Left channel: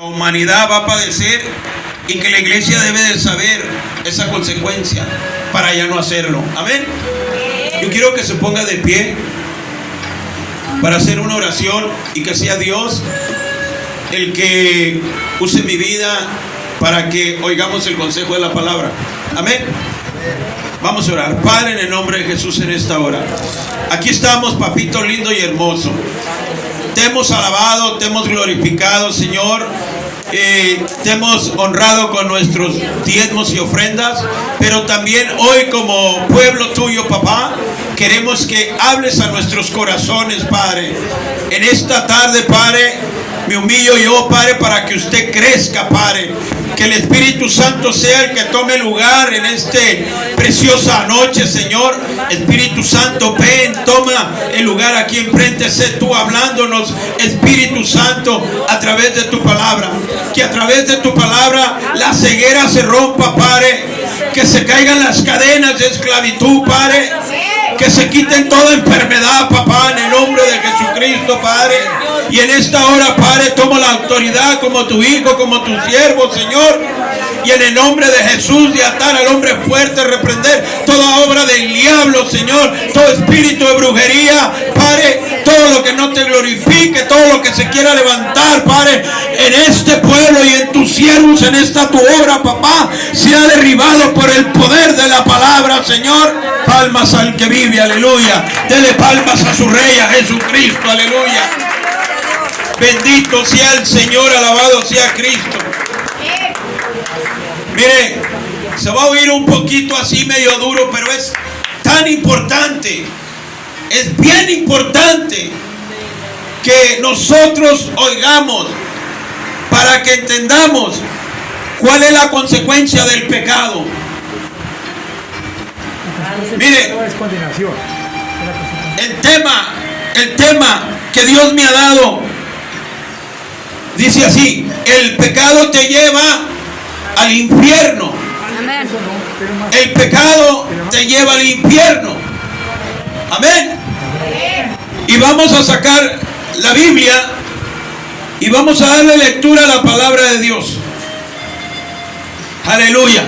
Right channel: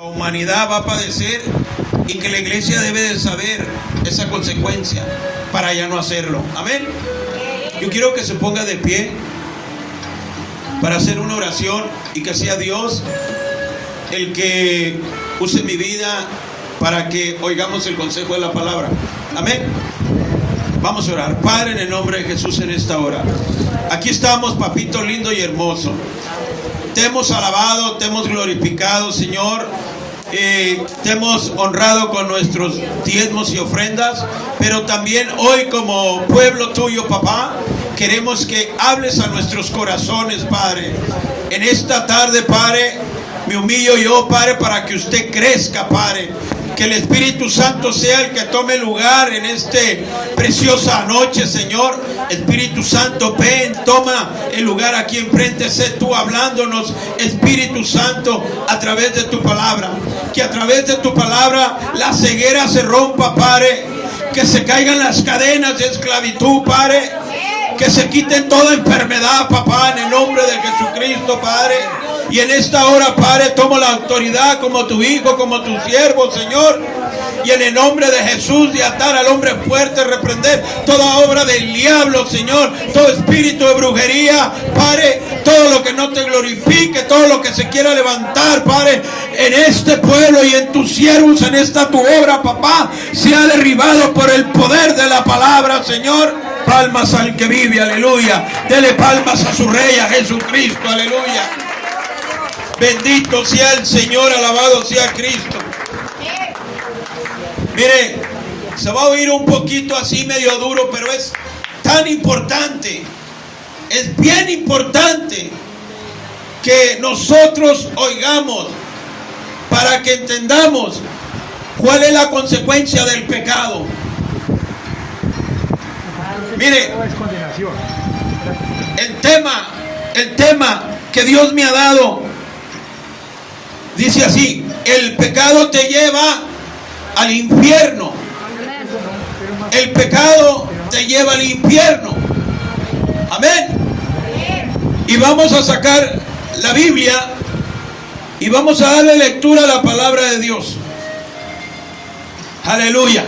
La humanidad va a padecer y que la iglesia debe de saber esa consecuencia para ya no hacerlo. Amén. Yo quiero que se ponga de pie para hacer una oración y que sea Dios el que use mi vida para que oigamos el consejo de la palabra. Amén. Vamos a orar. Padre, en el nombre de Jesús, en esta hora, aquí estamos, papito lindo y hermoso. Te hemos alabado, te hemos glorificado, Señor. Te hemos honrado con nuestros diezmos y ofrendas, pero también hoy como pueblo tuyo, papá, queremos que hables a nuestros corazones, Padre. En esta tarde, Padre, me humillo yo, Padre, para que usted crezca, Padre. Que el Espíritu Santo sea el que tome lugar en esta preciosa noche, Señor. Espíritu Santo, ven, toma el lugar aquí enfrente. Sé tú hablándonos, Espíritu Santo, a través de tu palabra. Que a través de tu palabra la ceguera se rompa, Padre. Que se caigan las cadenas de esclavitud, Padre. Que se quiten toda enfermedad, papá, en el nombre de Jesucristo, Padre. Y en esta hora, Padre, toma la autoridad como tu hijo, como tu siervo, Señor. Y en el nombre de Jesús, de atar al hombre fuerte, reprender toda obra del diablo, Señor. Todo espíritu de brujería, Padre. Todo lo que no te glorifique, todo lo que se quiera levantar, Padre, en este pueblo y en tus siervos, en esta tu obra, papá, sea derribado por el poder de la palabra, Señor. Palmas al que vive, aleluya. Dele palmas a su rey, a Jesucristo, aleluya. Bendito sea el Señor, alabado sea Cristo. Mire, se va a oír un poquito así medio duro, pero es tan importante, es bien importante que nosotros oigamos para que entendamos cuál es la consecuencia del pecado. Mire, el tema que Dios me ha dado dice así: el pecado te lleva al infierno. El pecado te lleva al infierno. Amén. Y vamos a sacar la Biblia y vamos a darle lectura a la palabra de Dios. Aleluya.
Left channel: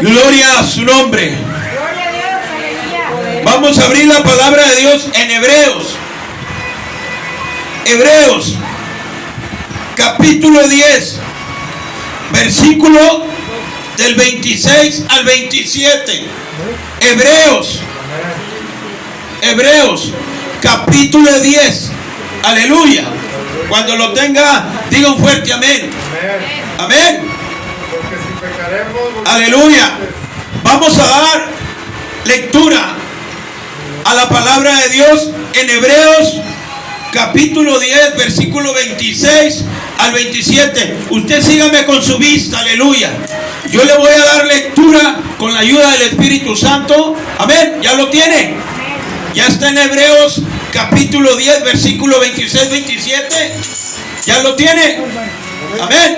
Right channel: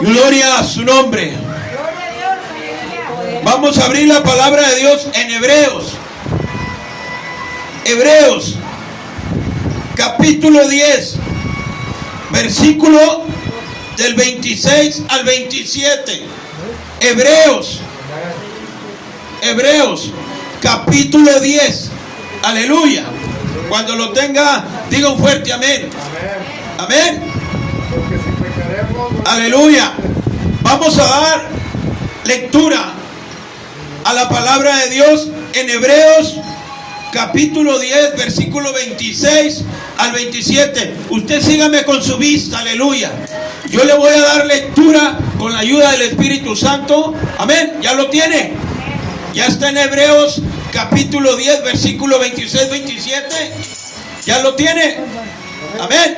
Gloria a su nombre. Vamos a abrir la palabra de Dios en Hebreos. Hebreos, capítulo 10, versículo del 26 al 27. Hebreos, capítulo 10. Aleluya. Cuando lo tenga, diga un fuerte amén. Amén. Aleluya. Vamos a dar lectura a la palabra de Dios en Hebreos capítulo 10, versículo 26 al 27. Usted sígame con su vista, aleluya. Yo le voy a dar lectura con la ayuda del Espíritu Santo. Amén. ¿Ya lo tiene? Ya está en Hebreos capítulo 10, versículo 26, 27. ¿Ya lo tiene? Amén.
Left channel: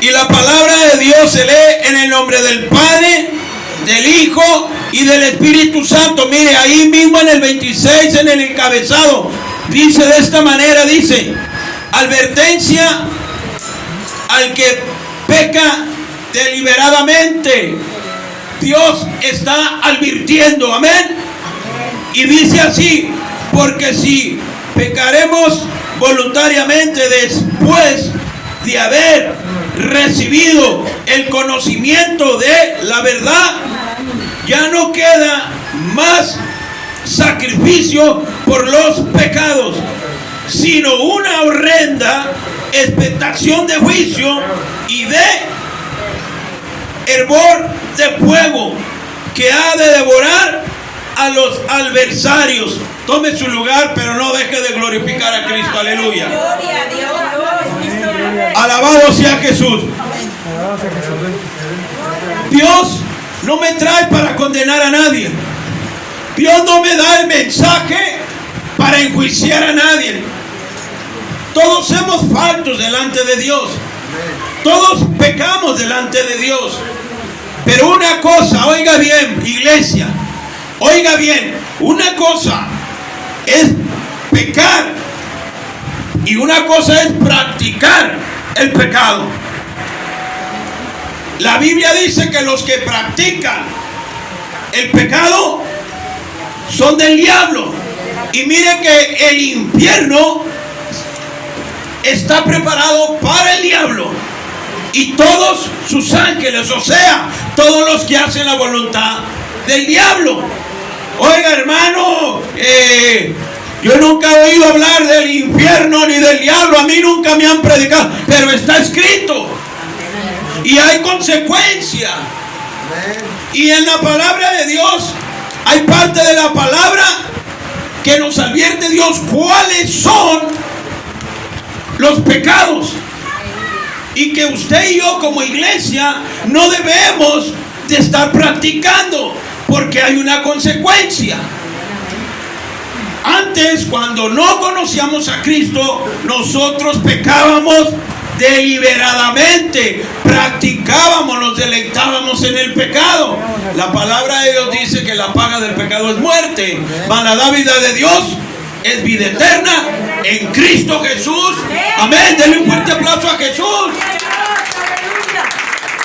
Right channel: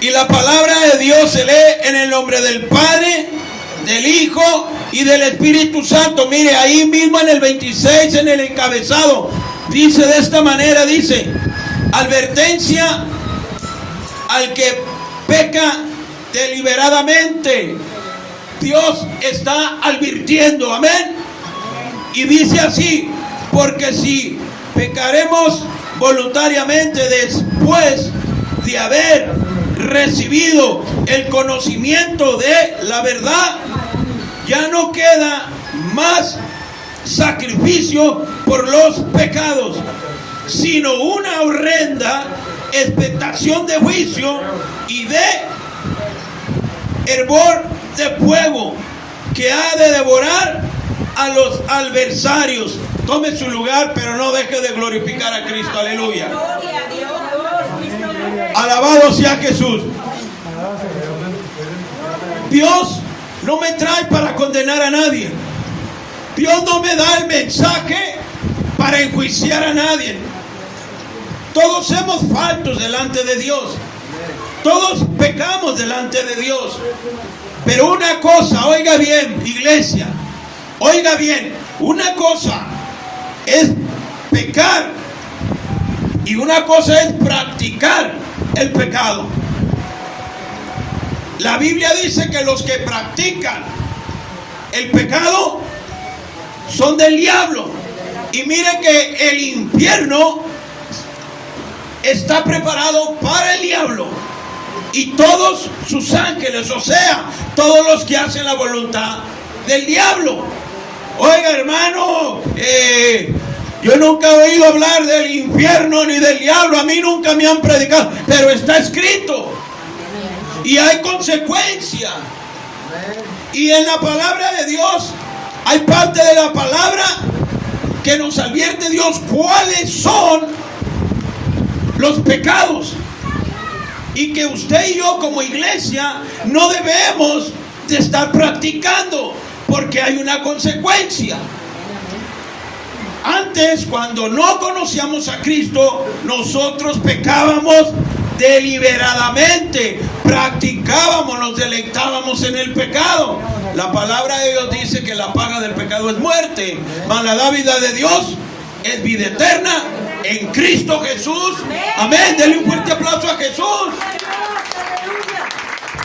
Y la palabra de Dios se lee en el nombre del Padre, del Hijo y del Espíritu Santo. Mire, ahí mismo en el 26, en el encabezado, dice de esta manera, dice: advertencia al que peca deliberadamente. Dios está advirtiendo, amén. Y dice así: porque si pecaremos voluntariamente después de haber recibido el conocimiento de la verdad, ya no queda más sacrificio por los pecados, sino una horrenda expectación de juicio y de hervor de fuego que ha de devorar a los adversarios. Tome su lugar, pero no deje de glorificar a Cristo. Aleluya. Alabado sea Jesús. Dios no me trae para condenar a nadie. Dios no me da el mensaje para enjuiciar a nadie. Todos somos faltos delante de Dios. Todos pecamos delante de Dios. Pero una cosa, oiga bien, iglesia, oiga bien, una cosa es pecar Y una cosa es practicar el pecado. La Biblia dice que los que practican el pecado son del diablo. Y mire que el infierno está preparado para el diablo y todos sus ángeles, o sea, todos los que hacen la voluntad del diablo. Oiga, hermano, yo nunca he oído hablar del infierno ni del diablo, a mí nunca me han predicado, pero está escrito y hay consecuencias. Y en la palabra de Dios hay parte de la palabra que nos advierte Dios cuáles son los pecados, y que usted y yo como iglesia no debemos de estar practicando, porque hay una consecuencia. Antes, cuando no conocíamos a Cristo, nosotros pecábamos deliberadamente, practicábamos, nos deleitábamos en el pecado. La palabra de Dios dice que la paga del pecado es muerte, mas la dádiva de Dios es vida eterna en Cristo Jesús. Amén. Denle un fuerte aplauso a Jesús.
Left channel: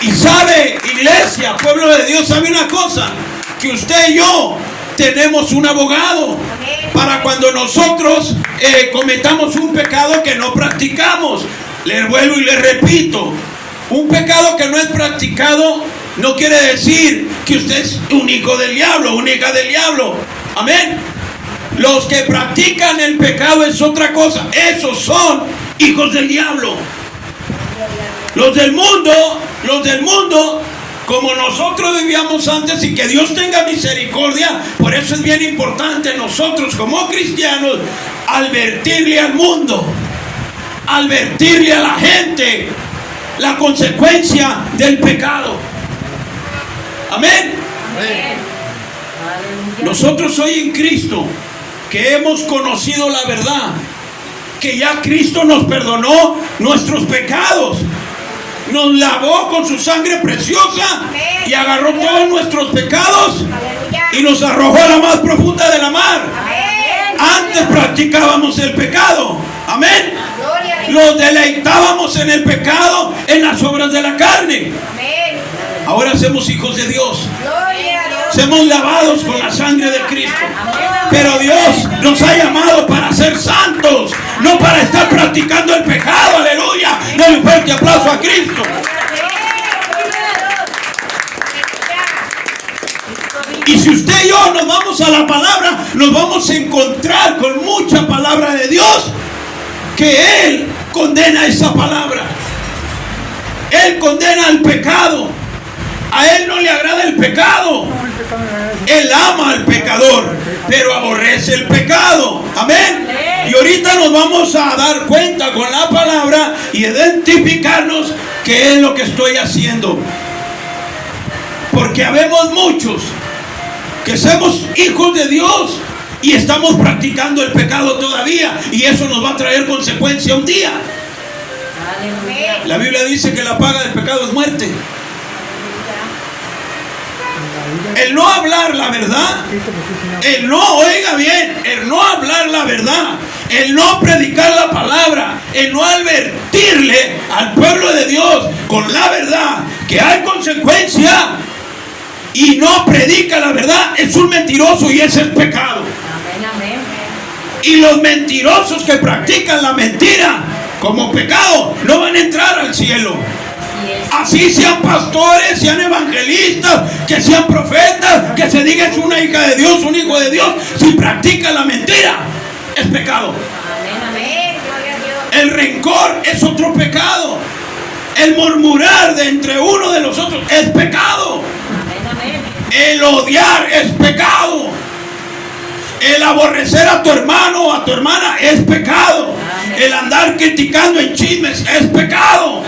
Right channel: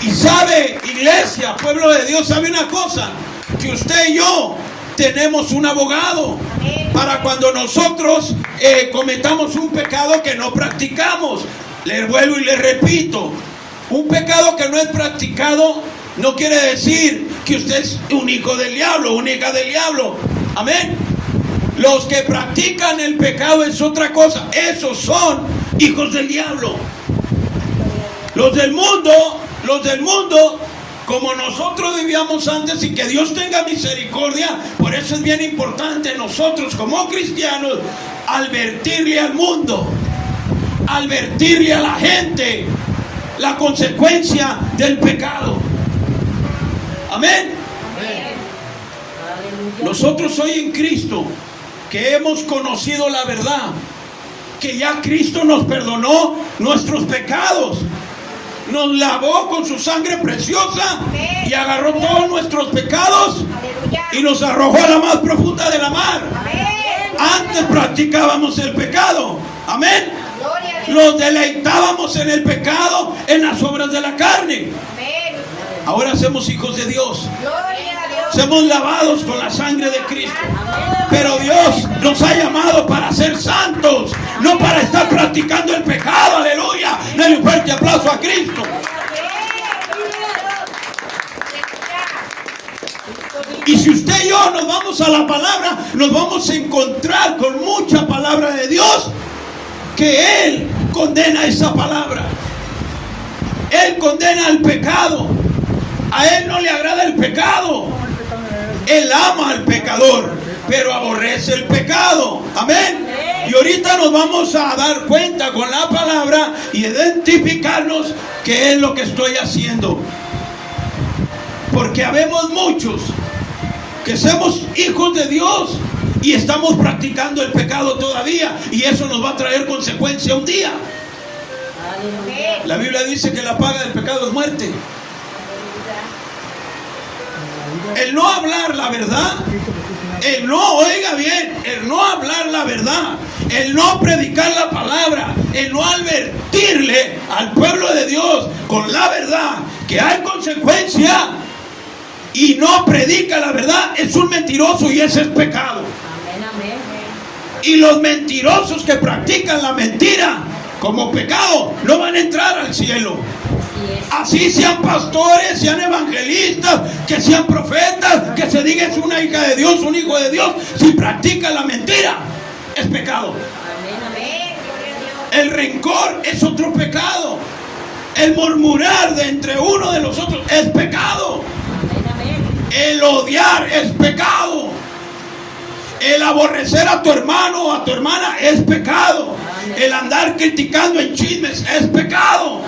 Y sabe, iglesia, pueblo de Dios, sabe una cosa, que usted y yo tenemos un abogado para cuando nosotros cometamos un pecado que no practicamos. Le vuelvo y le repito, un pecado que no es practicado no quiere decir que usted es un hijo del diablo, una hija del diablo. Amén. Los que practican el pecado es otra cosa. Esos son hijos del diablo. Los del mundo, como nosotros vivíamos antes, y que Dios tenga misericordia. Por eso es bien importante nosotros como cristianos advertirle al mundo, advertirle a la gente la consecuencia del pecado. Amén. Nosotros hoy en Cristo, que hemos conocido la verdad, que ya Cristo nos perdonó nuestros pecados, nos lavó con su sangre preciosa y agarró todos nuestros pecados y nos arrojó a la más profunda de la mar. Antes practicábamos el pecado. Amén. Nos deleitábamos en el pecado, en las obras de la carne. Ahora somos hijos de Dios. Somos lavados con la sangre de Cristo. Pero Dios nos ha llamado para ser santos, no para estar practicando el pecado. Aleluya. Denle un fuerte aplauso a Cristo. Y si usted y yo nos vamos a la palabra, nos vamos a encontrar con mucha palabra de Dios, que Él condena esa palabra. Él condena el pecado. A Él no le agrada el pecado. Él ama al pecador, pero aborrece el pecado. Amén. Y ahorita nos vamos a dar cuenta con la palabra y identificarnos qué es lo que estoy haciendo. Porque habemos muchos que somos hijos de Dios y estamos practicando el pecado todavía, y eso nos va a traer consecuencia un día. La Biblia dice que la paga del pecado es muerte. El no hablar la verdad, el no, oiga bien, el no hablar la verdad, el no predicar la palabra, el no advertirle al pueblo de Dios con la verdad que hay consecuencia, y no predica la verdad, es un mentiroso, y ese es pecado. Y los mentirosos que practican la mentira como pecado no van a entrar al cielo. Así sean pastores, sean evangelistas, que sean profetas, que se diga es una hija de Dios, un hijo de Dios, si practican la mentira, es pecado. El rencor es otro pecado. El murmurar de entre uno de los otros es pecado. El odiar es pecado. El aborrecer a tu hermano o a tu hermana es pecado. El andar criticando en chismes es pecado.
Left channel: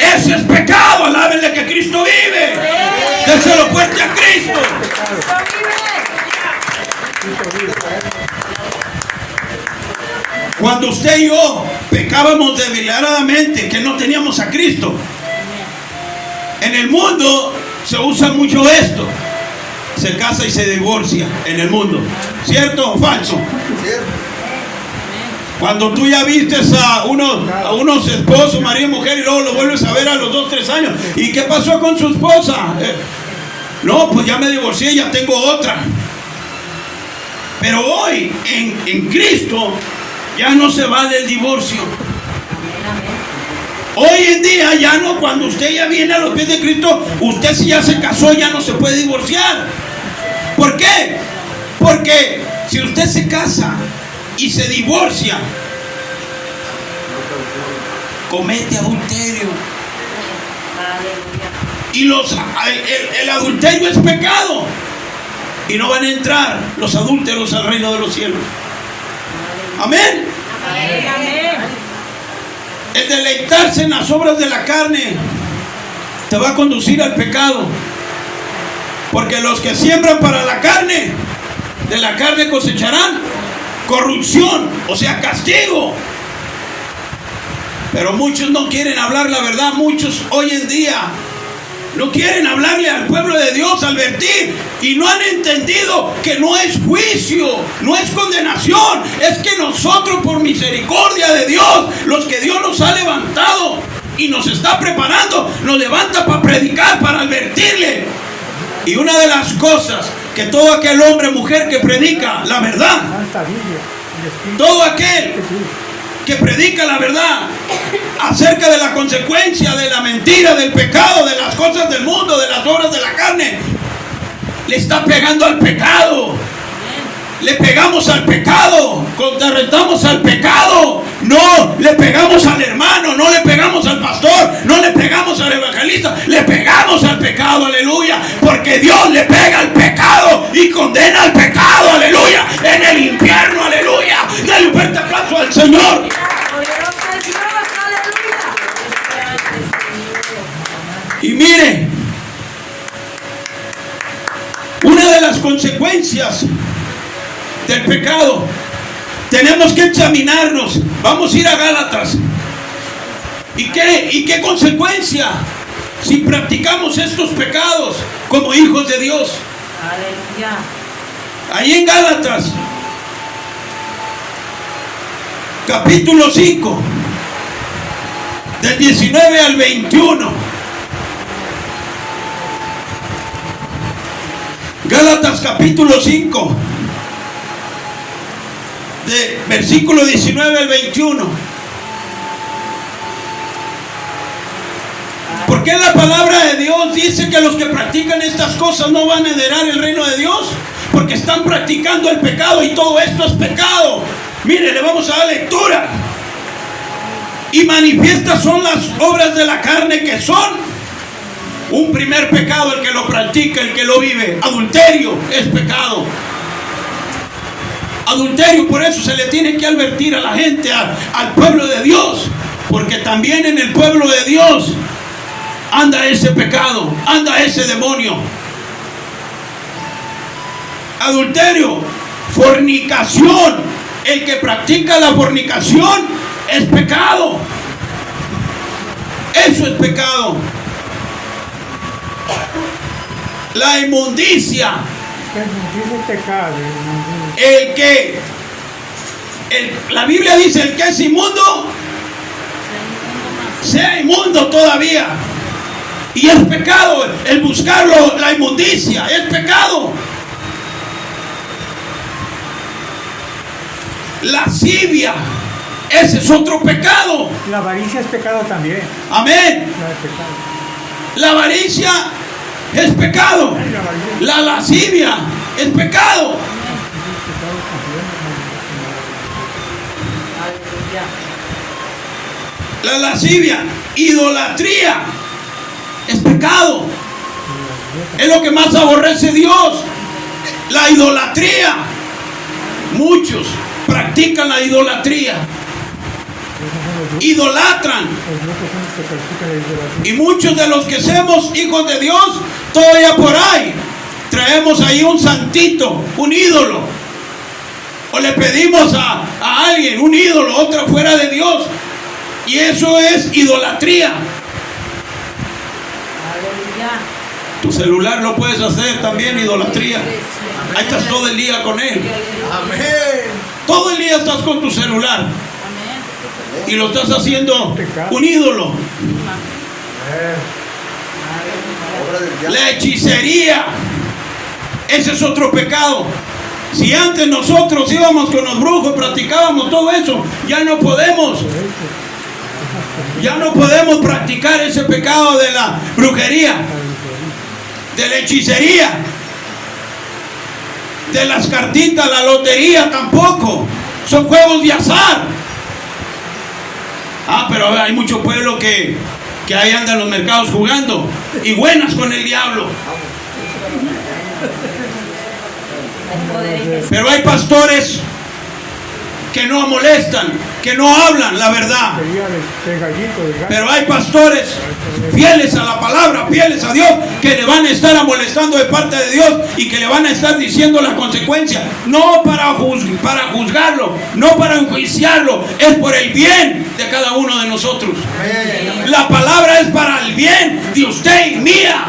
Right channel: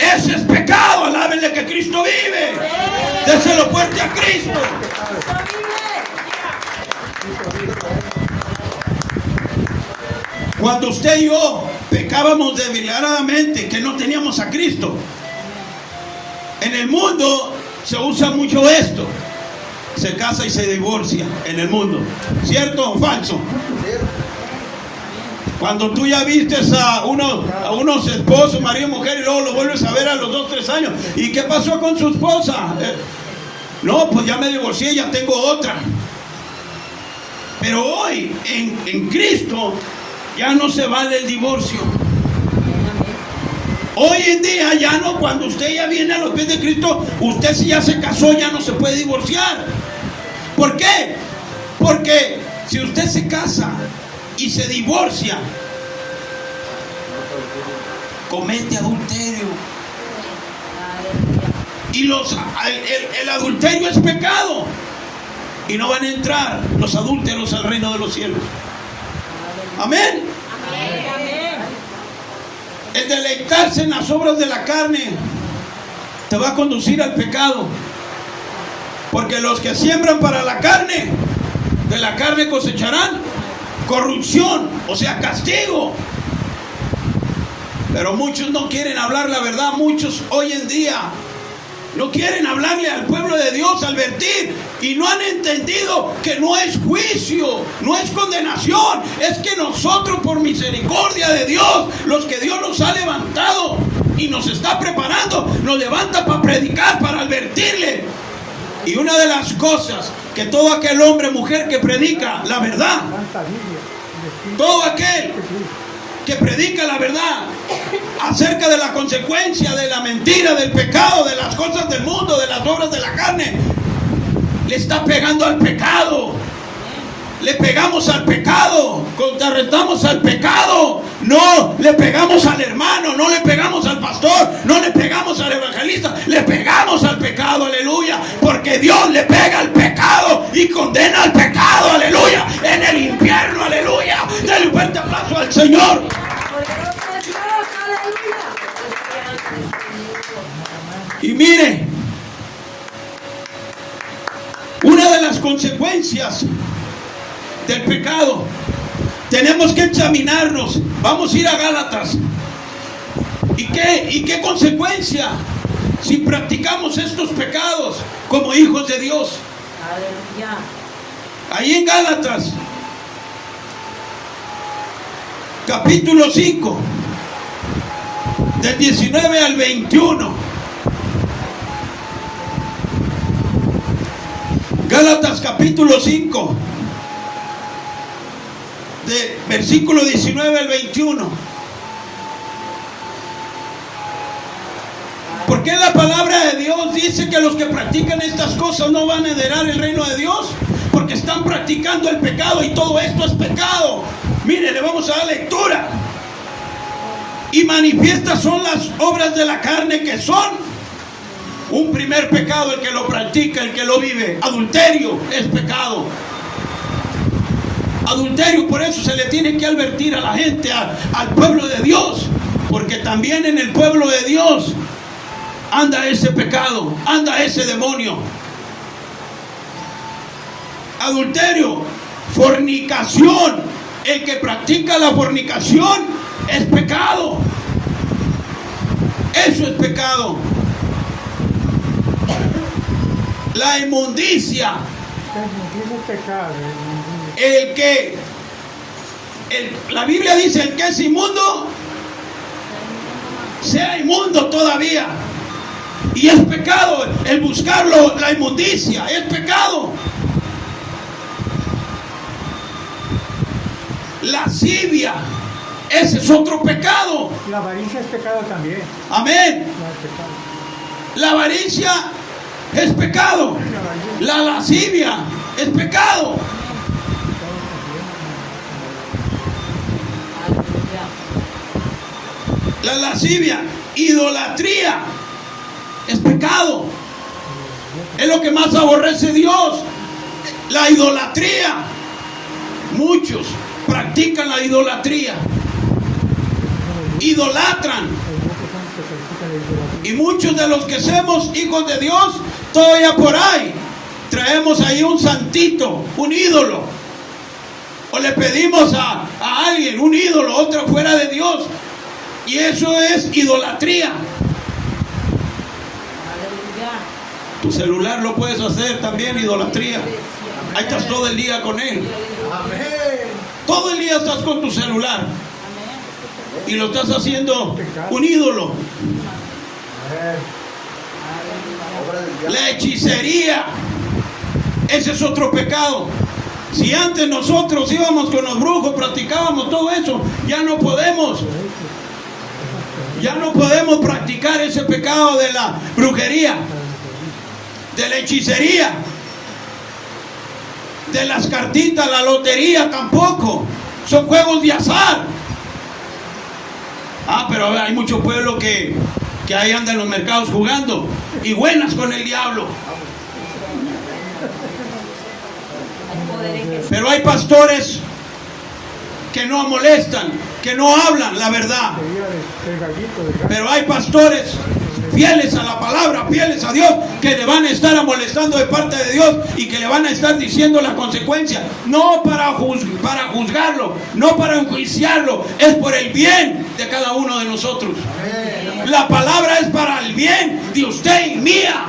Ese es pecado. Alábenle que Cristo vive. Déselo fuerte a Cristo. Cuando usted y yo pecábamos deliberadamente, que no teníamos a Cristo, en el mundo se usa mucho esto: se casa y se divorcia en el mundo. ¿Cierto o falso? Cuando tú ya vistes a unos esposos, marido y mujer, y luego lo vuelves a ver a los 2, 3 años. ¿Y qué pasó con su esposa? No, pues ya me divorcié, ya tengo otra. Pero hoy, en Cristo, ya no se vale el divorcio. Hoy en día ya no, cuando usted ya viene a los pies de Cristo, usted si ya se casó ya no se puede divorciar. ¿Por qué? Porque si usted se casa y se divorcia, comete adulterio. Y el adulterio es pecado. Y no van a entrar los adúlteros al reino de los cielos. Amén. El deleitarse en las obras de la carne te va a conducir al pecado. Porque los que siembran para la carne, de la carne cosecharán corrupción, o sea, castigo. Pero muchos no quieren hablar la verdad. Muchos hoy en día no quieren hablarle al pueblo de Dios, advertir, y no han entendido que no es juicio, no es condenación, es que nosotros, por misericordia de Dios, los que Dios nos ha levantado y nos está preparando, nos levanta para predicar, para advertirle. Y una de las cosas que todo aquel hombre o mujer que predica la verdad, todo aquel que predica la verdad acerca de la consecuencia de la mentira, del pecado, de las cosas del mundo, de las obras de la carne, le está pegando al pecado. Le pegamos al pecado, contrarrestamos al pecado. No le pegamos al hermano, no le pegamos al pastor, no le pegamos al evangelista, le pegamos al pecado, aleluya, porque Dios le pega al pecado y condena al pecado, aleluya, en el infierno, aleluya. Dale un fuerte aplauso al Señor. Y mire, una de las consecuencias del pecado, tenemos que examinarnos. Vamos a ir a Gálatas. ¿Y qué consecuencia si practicamos estos pecados como hijos de Dios? Aleluya. Ahí en Gálatas, capítulo 5, del 19 al 21. Gálatas capítulo 5, de versículo 19 al 21. ¿Por qué la palabra de Dios dice que los que practican estas cosas no van a heredar el reino de Dios? Porque están practicando el pecado, y todo esto es pecado. Mire, le vamos a dar lectura. Y manifiestas son las obras de la carne, que son un primer pecado, el que lo practica, el que lo vive. Adulterio es pecado. Adulterio, por eso se le tiene que advertir a la gente, al pueblo de Dios, porque también en el pueblo de Dios anda ese pecado, anda ese demonio. Adulterio, fornicación, el que practica la fornicación es pecado. Eso es pecado. La inmundicia, la Biblia dice: el que es inmundo, sea inmundo todavía. Y es pecado el buscarlo, la inmundicia, es pecado. Lascivia, ese es otro pecado. La avaricia es pecado también. Amén. La avaricia es pecado. La lascivia es pecado. La lascivia, idolatría, es pecado. Es lo que más aborrece Dios, la idolatría. Muchos practican la idolatría, idolatran. Y muchos de los que somos hijos de Dios, todavía por ahí traemos ahí un santito, un ídolo, o le pedimos a alguien un ídolo, otra fuera de Dios, y eso es idolatría. Tu celular lo puedes hacer también idolatría. Ahí estás todo el día con él. Todo el día estás con tu celular. y lo estás haciendo un ídolo. La hechicería, ese es otro pecado. Si antes nosotros íbamos con los brujos, practicábamos todo eso, ya no podemos. Ya no podemos practicar ese pecado de la brujería, de la hechicería, de las cartitas, la lotería tampoco. Son juegos de azar. Pero hay mucho pueblo que ahí anda en los mercados jugando y buenas con el diablo. Pero hay pastores que no molestan, que no hablan la verdad. Pero hay pastores fieles a la palabra, fieles a Dios, que le van a estar amonestando de parte de Dios y que le van a estar diciendo la consecuencia. No para juzgarlo, no para enjuiciarlo, es por el bien de cada uno de nosotros. La palabra es para el bien de usted y mía.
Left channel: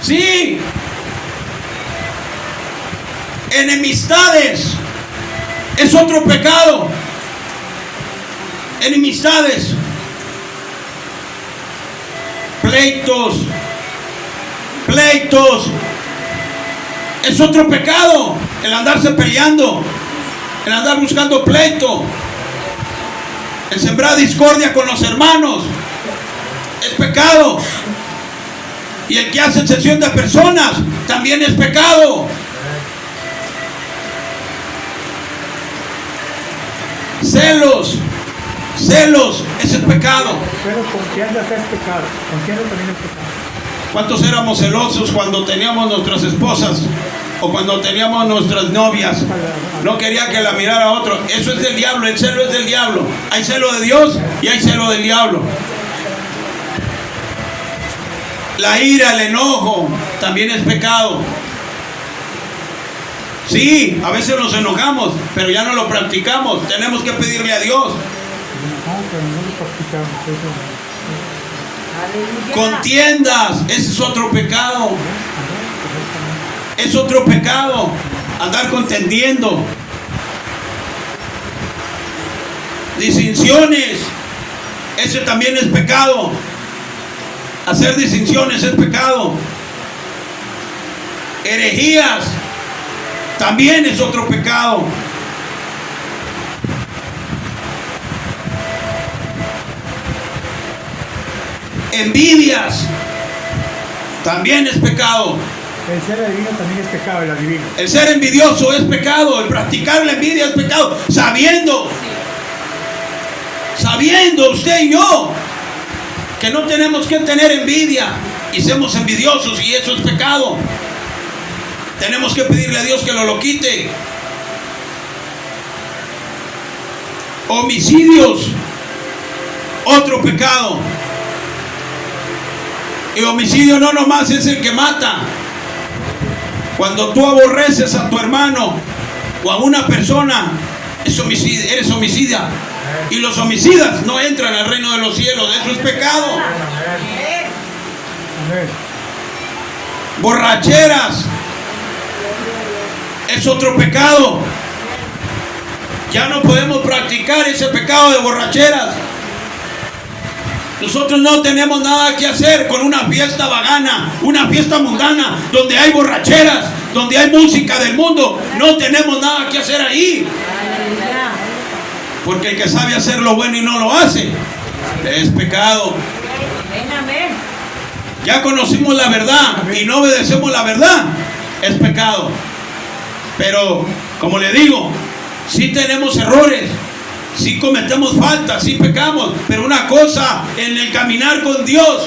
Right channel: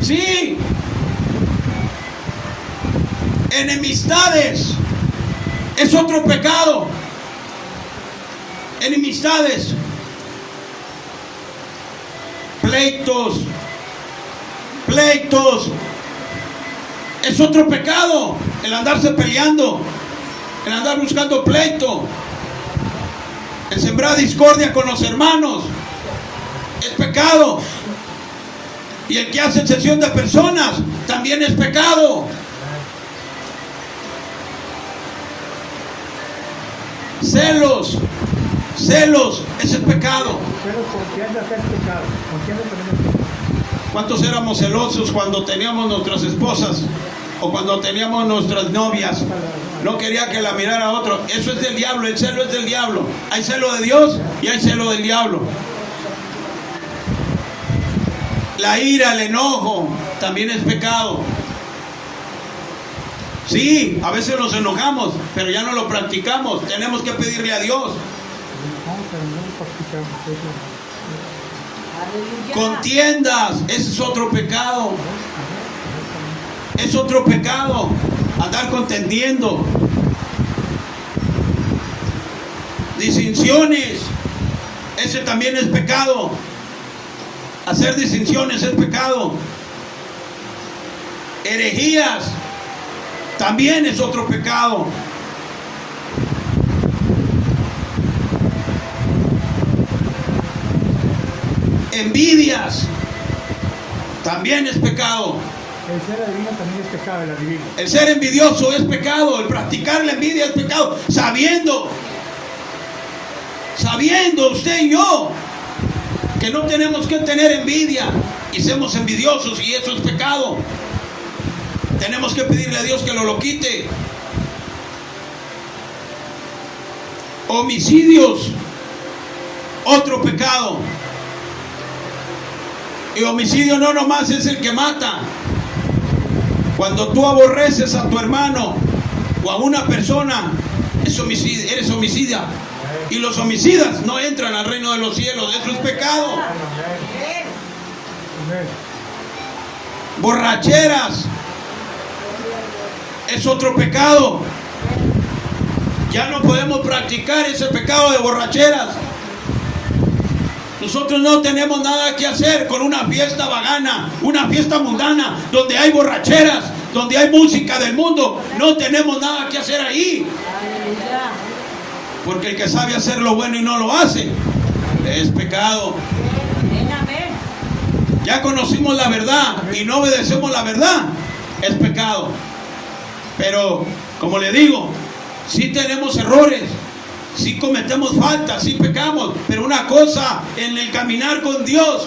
Sí. Enemistades es otro pecado. Enemistades, pleitos es otro pecado. El andarse peleando, el andar buscando pleito, el sembrar discordia con los hermanos es pecado. Y el que hace excepción de personas también es pecado. Celos, ese es pecado. Pero contiendas es pecado. Contienda también es pecado. ¿Cuántos éramos celosos cuando teníamos nuestras esposas o cuando teníamos nuestras novias? No quería que la mirara otro. Eso es del diablo, el celo es del diablo. Hay celo de Dios y hay celo del diablo. La ira, el enojo, también es pecado. Sí, a veces nos enojamos, pero ya no lo practicamos. Tenemos que pedirle a Dios. Contiendas, ese es otro pecado. Es otro pecado. Andar contendiendo. Distinciones, ese también es pecado. Hacer distinciones es pecado. Herejías también es otro pecado. Envidias también es pecado. El ser adivino también es pecado, el adivino. El ser envidioso es pecado. El practicar la envidia es pecado. Sabiendo usted y yo que no tenemos que tener envidia y somos envidiosos, y eso es pecado. Tenemos que pedirle a Dios que lo quite. Homicidios, otro pecado. Y homicidio no nomás es el que mata. Cuando tú aborreces a tu hermano o a una persona, eres homicida. Y los homicidas no entran al reino de los cielos. Eso es pecado. Borracheras es otro pecado. Ya no podemos practicar ese pecado de borracheras. Nosotros no tenemos nada que hacer con una fiesta vagana, una fiesta mundana, donde hay borracheras, donde hay música del mundo. No tenemos nada que hacer ahí. Porque el que sabe hacer lo bueno y no lo hace, es pecado. Ya conocimos la verdad y no obedecemos la verdad, es pecado. Pero, como le digo, sí tenemos errores, sí cometemos faltas, sí pecamos, pero una cosa en el caminar con Dios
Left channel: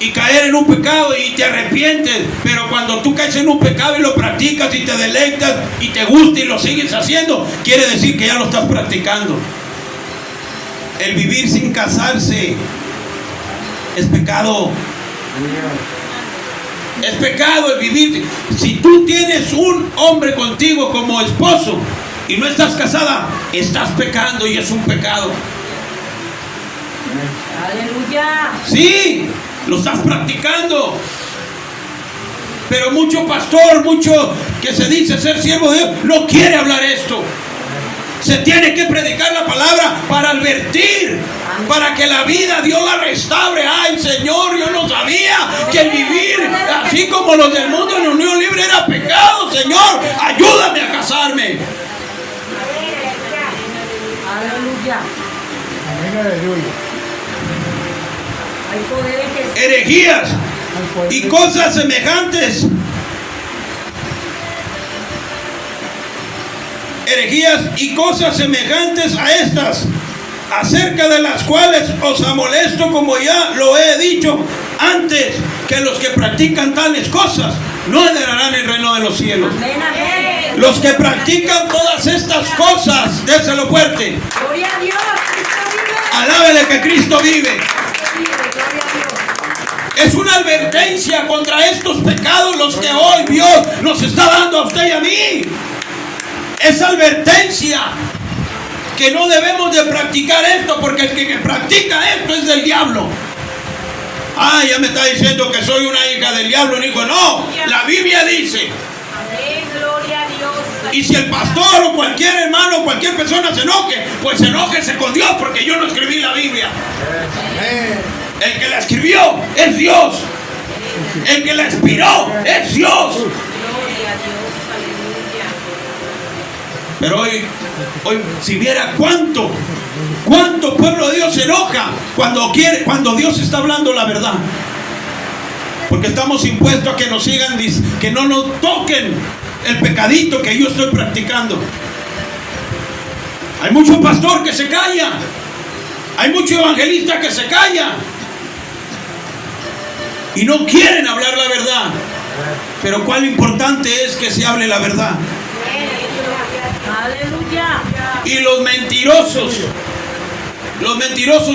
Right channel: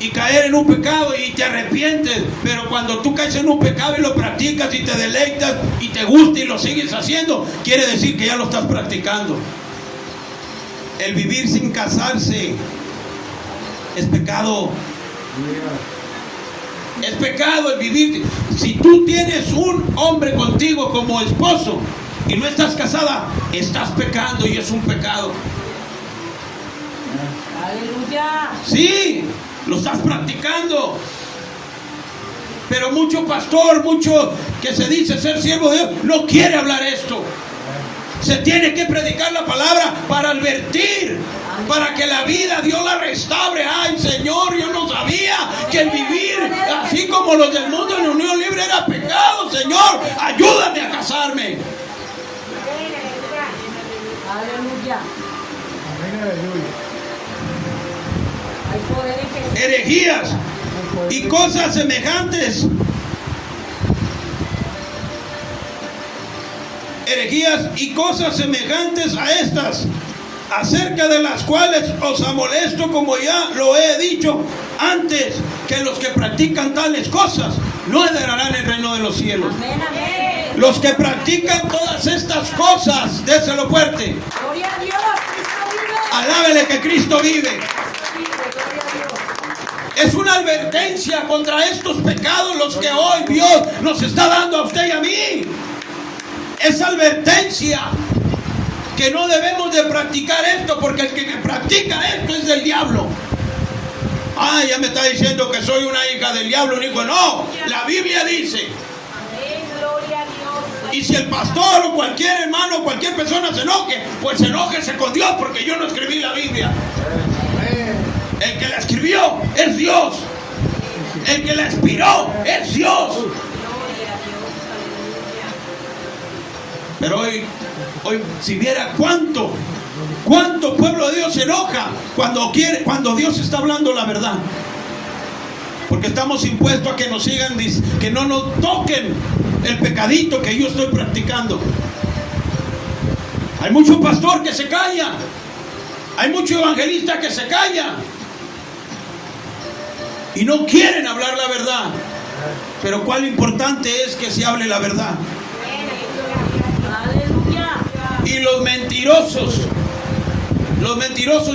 y caer en un pecado y te arrepientes, pero cuando tú caes en un pecado y lo practicas y te deleitas y te gusta y lo sigues haciendo, quiere decir que ya lo estás practicando. El vivir sin casarse es pecado. Es pecado el vivir. Si tú tienes un hombre contigo como esposo y no estás casada, estás pecando y es un pecado. Aleluya. Sí, lo estás practicando. Pero mucho pastor, mucho que se dice ser siervo de Dios, no quiere hablar esto. Se tiene que predicar la palabra para advertir, para que la vida Dios la restaure. Ay, Señor, yo no sabía que el vivir así como los del mundo en unión libre era pecado. Señor, ayúdame a casarme. Aleluya. Amén, aleluya. Hay poder en Jesús. Herejías y cosas semejantes. Herejías y cosas semejantes a estas, acerca de las cuales os amolesto, como ya lo he dicho antes, que los que practican tales cosas no heredarán el reino de los cielos. Amén, amén. Los que practican todas estas cosas, déselo fuerte, Gloria a Dios. Cristo vive. alábele que Cristo vive. Gloria a Dios. Es una advertencia contra estos pecados los que hoy Dios nos está dando a usted y a mí. Es advertencia que no debemos de practicar esto, porque el que practica esto es del diablo. Ah, ya me está diciendo que soy una hija del diablo, un hijo. No, la Biblia dice. Amén, gloria a Dios. Y si el pastor o cualquier hermano o cualquier persona se enoje, pues enójese con Dios, porque yo no escribí la Biblia. El que la escribió es Dios. El que la inspiró es Dios. Gloria a Dios. Aleluya. Pero hoy si viera cuánto pueblo de Dios se enoja cuando Dios está hablando la verdad. Porque estamos impuestos a que nos sigan, que no nos toquen el pecadito que yo estoy practicando. Hay mucho pastor que se calla. Hay mucho evangelista que se calla. Y no quieren hablar la verdad. Pero cuán importante es que se hable la verdad. Aleluya. Y los mentirosos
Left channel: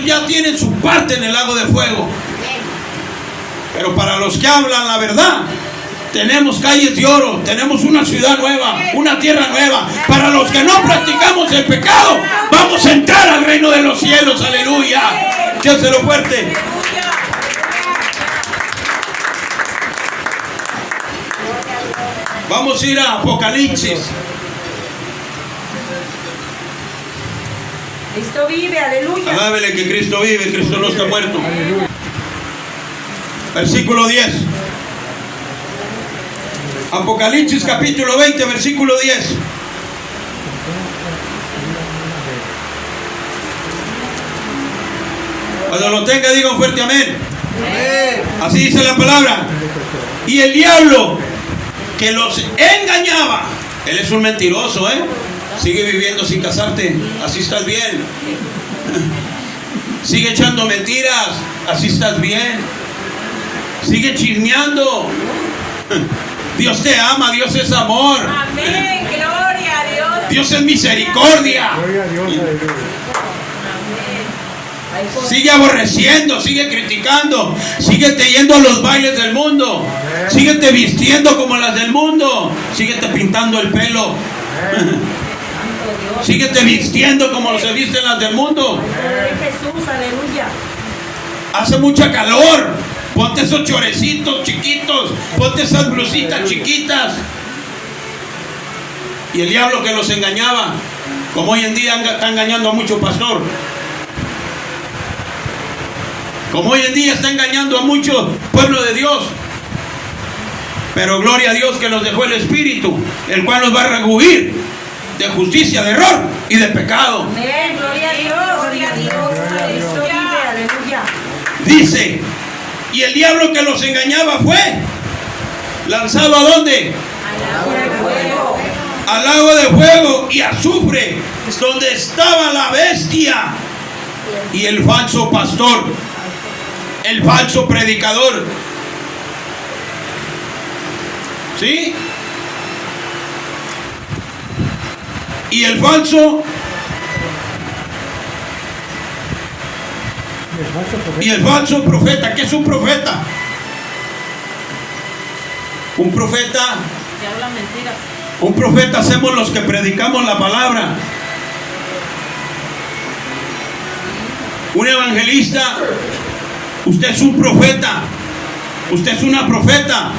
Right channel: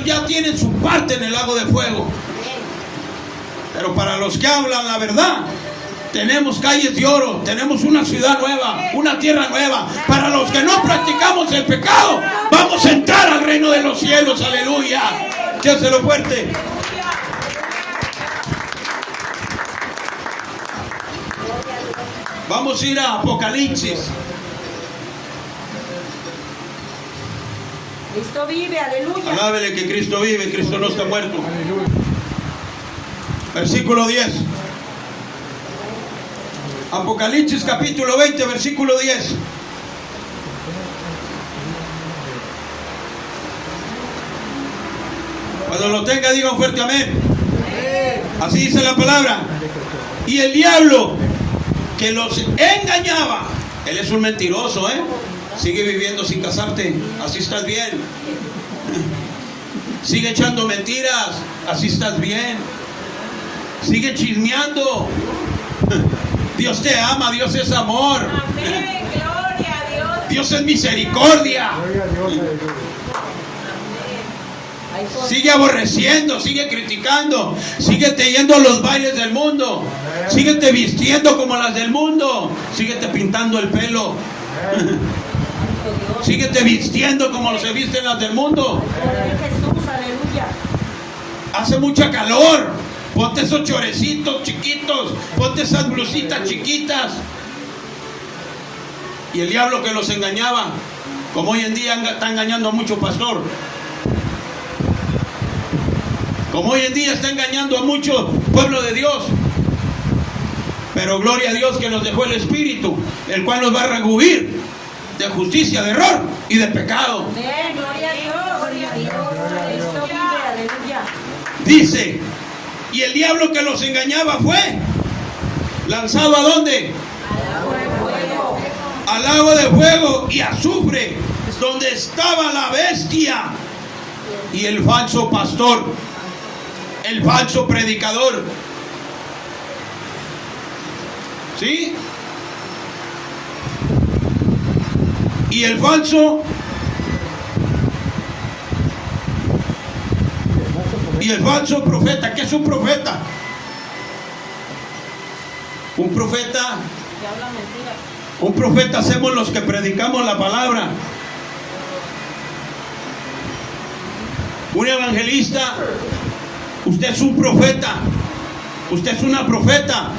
ya tienen su parte en el lago de fuego. Pero para los que hablan la verdad, tenemos calles de oro, tenemos una ciudad nueva, una tierra nueva. Para los que no practicamos el pecado, vamos a entrar al reino de los cielos. Aleluya. Déselo fuerte. Vamos a ir a Apocalipsis. Cristo vive, aleluya. Alábele que Cristo vive, Cristo no está muerto. Aleluya. Versículo 10. Apocalipsis capítulo 20, versículo 10. Cuando lo tenga, digan fuerte amén. Así dice la palabra. Y el diablo que los engañaba, él es un mentiroso, sigue viviendo sin casarte, así estás bien. Sigue echando mentiras, así estás bien. Sigue chismeando. Dios te ama, Dios es amor. Amén, gloria a Dios. Dios es misericordia. Gloria a Dios, aleluya. Sigue aborreciendo, sigue criticando, síguete yendo a los bailes del mundo, síguete vistiendo como las del mundo, síguete pintando el pelo, síguete vistiendo como se visten las del mundo. Jesús, aleluya. Hace mucha calor, ponte esos chorecitos chiquitos, ponte esas blusitas chiquitas. Y el diablo que los engañaba, como hoy en día está engañando a mucho pastor, como hoy en día está engañando a mucho pueblo de Dios. Pero gloria a Dios que nos dejó el Espíritu, el cual nos va a rehuir de justicia, de error y de pecado. Amén, gloria a Dios. Gloria a Dios. Cristo vive, aleluya. Dice, y el diablo que los engañaba fue lanzado ¿a dónde? Al lago de fuego. Al lago de fuego y azufre, donde estaba la bestia y el falso pastor, el falso predicador. ¿Sí? Y el falso profeta. ¿Qué es un profeta? Un profeta. Que hablan mentiras. Un profeta hacemos los que predicamos la palabra. Un evangelista, usted es un profeta. Usted es una profeta,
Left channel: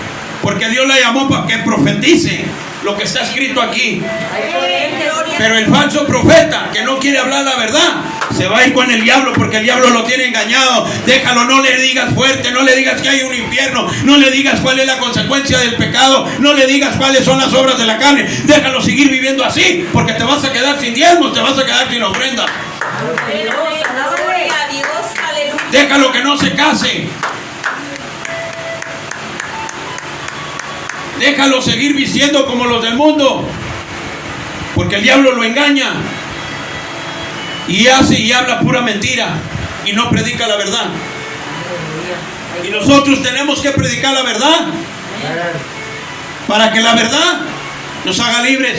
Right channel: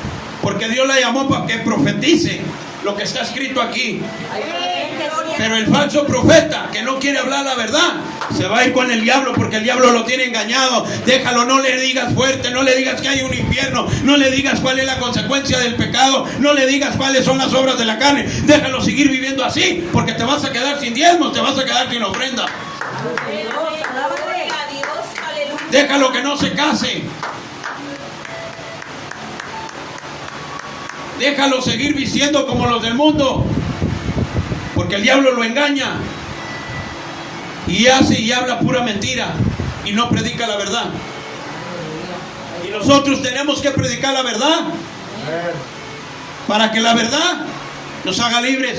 porque Dios la llamó para que profetice lo que está escrito aquí. Hay poder en Jesús. Pero el falso profeta que no quiere hablar la verdad se va a ir con el diablo, porque el diablo lo tiene engañado. Déjalo, no le digas fuerte, no le digas que hay un infierno, no le digas cuál es la consecuencia del pecado, no le digas cuáles son las obras de la carne. Déjalo seguir viviendo así, porque te vas a quedar sin diezmos, te vas a quedar sin ofrenda. Déjalo que no se case. Déjalo seguir vistiendo como los del mundo, porque el diablo lo engaña y hace y habla pura mentira y no predica la verdad. Y nosotros tenemos que predicar la verdad para que la verdad nos haga libres.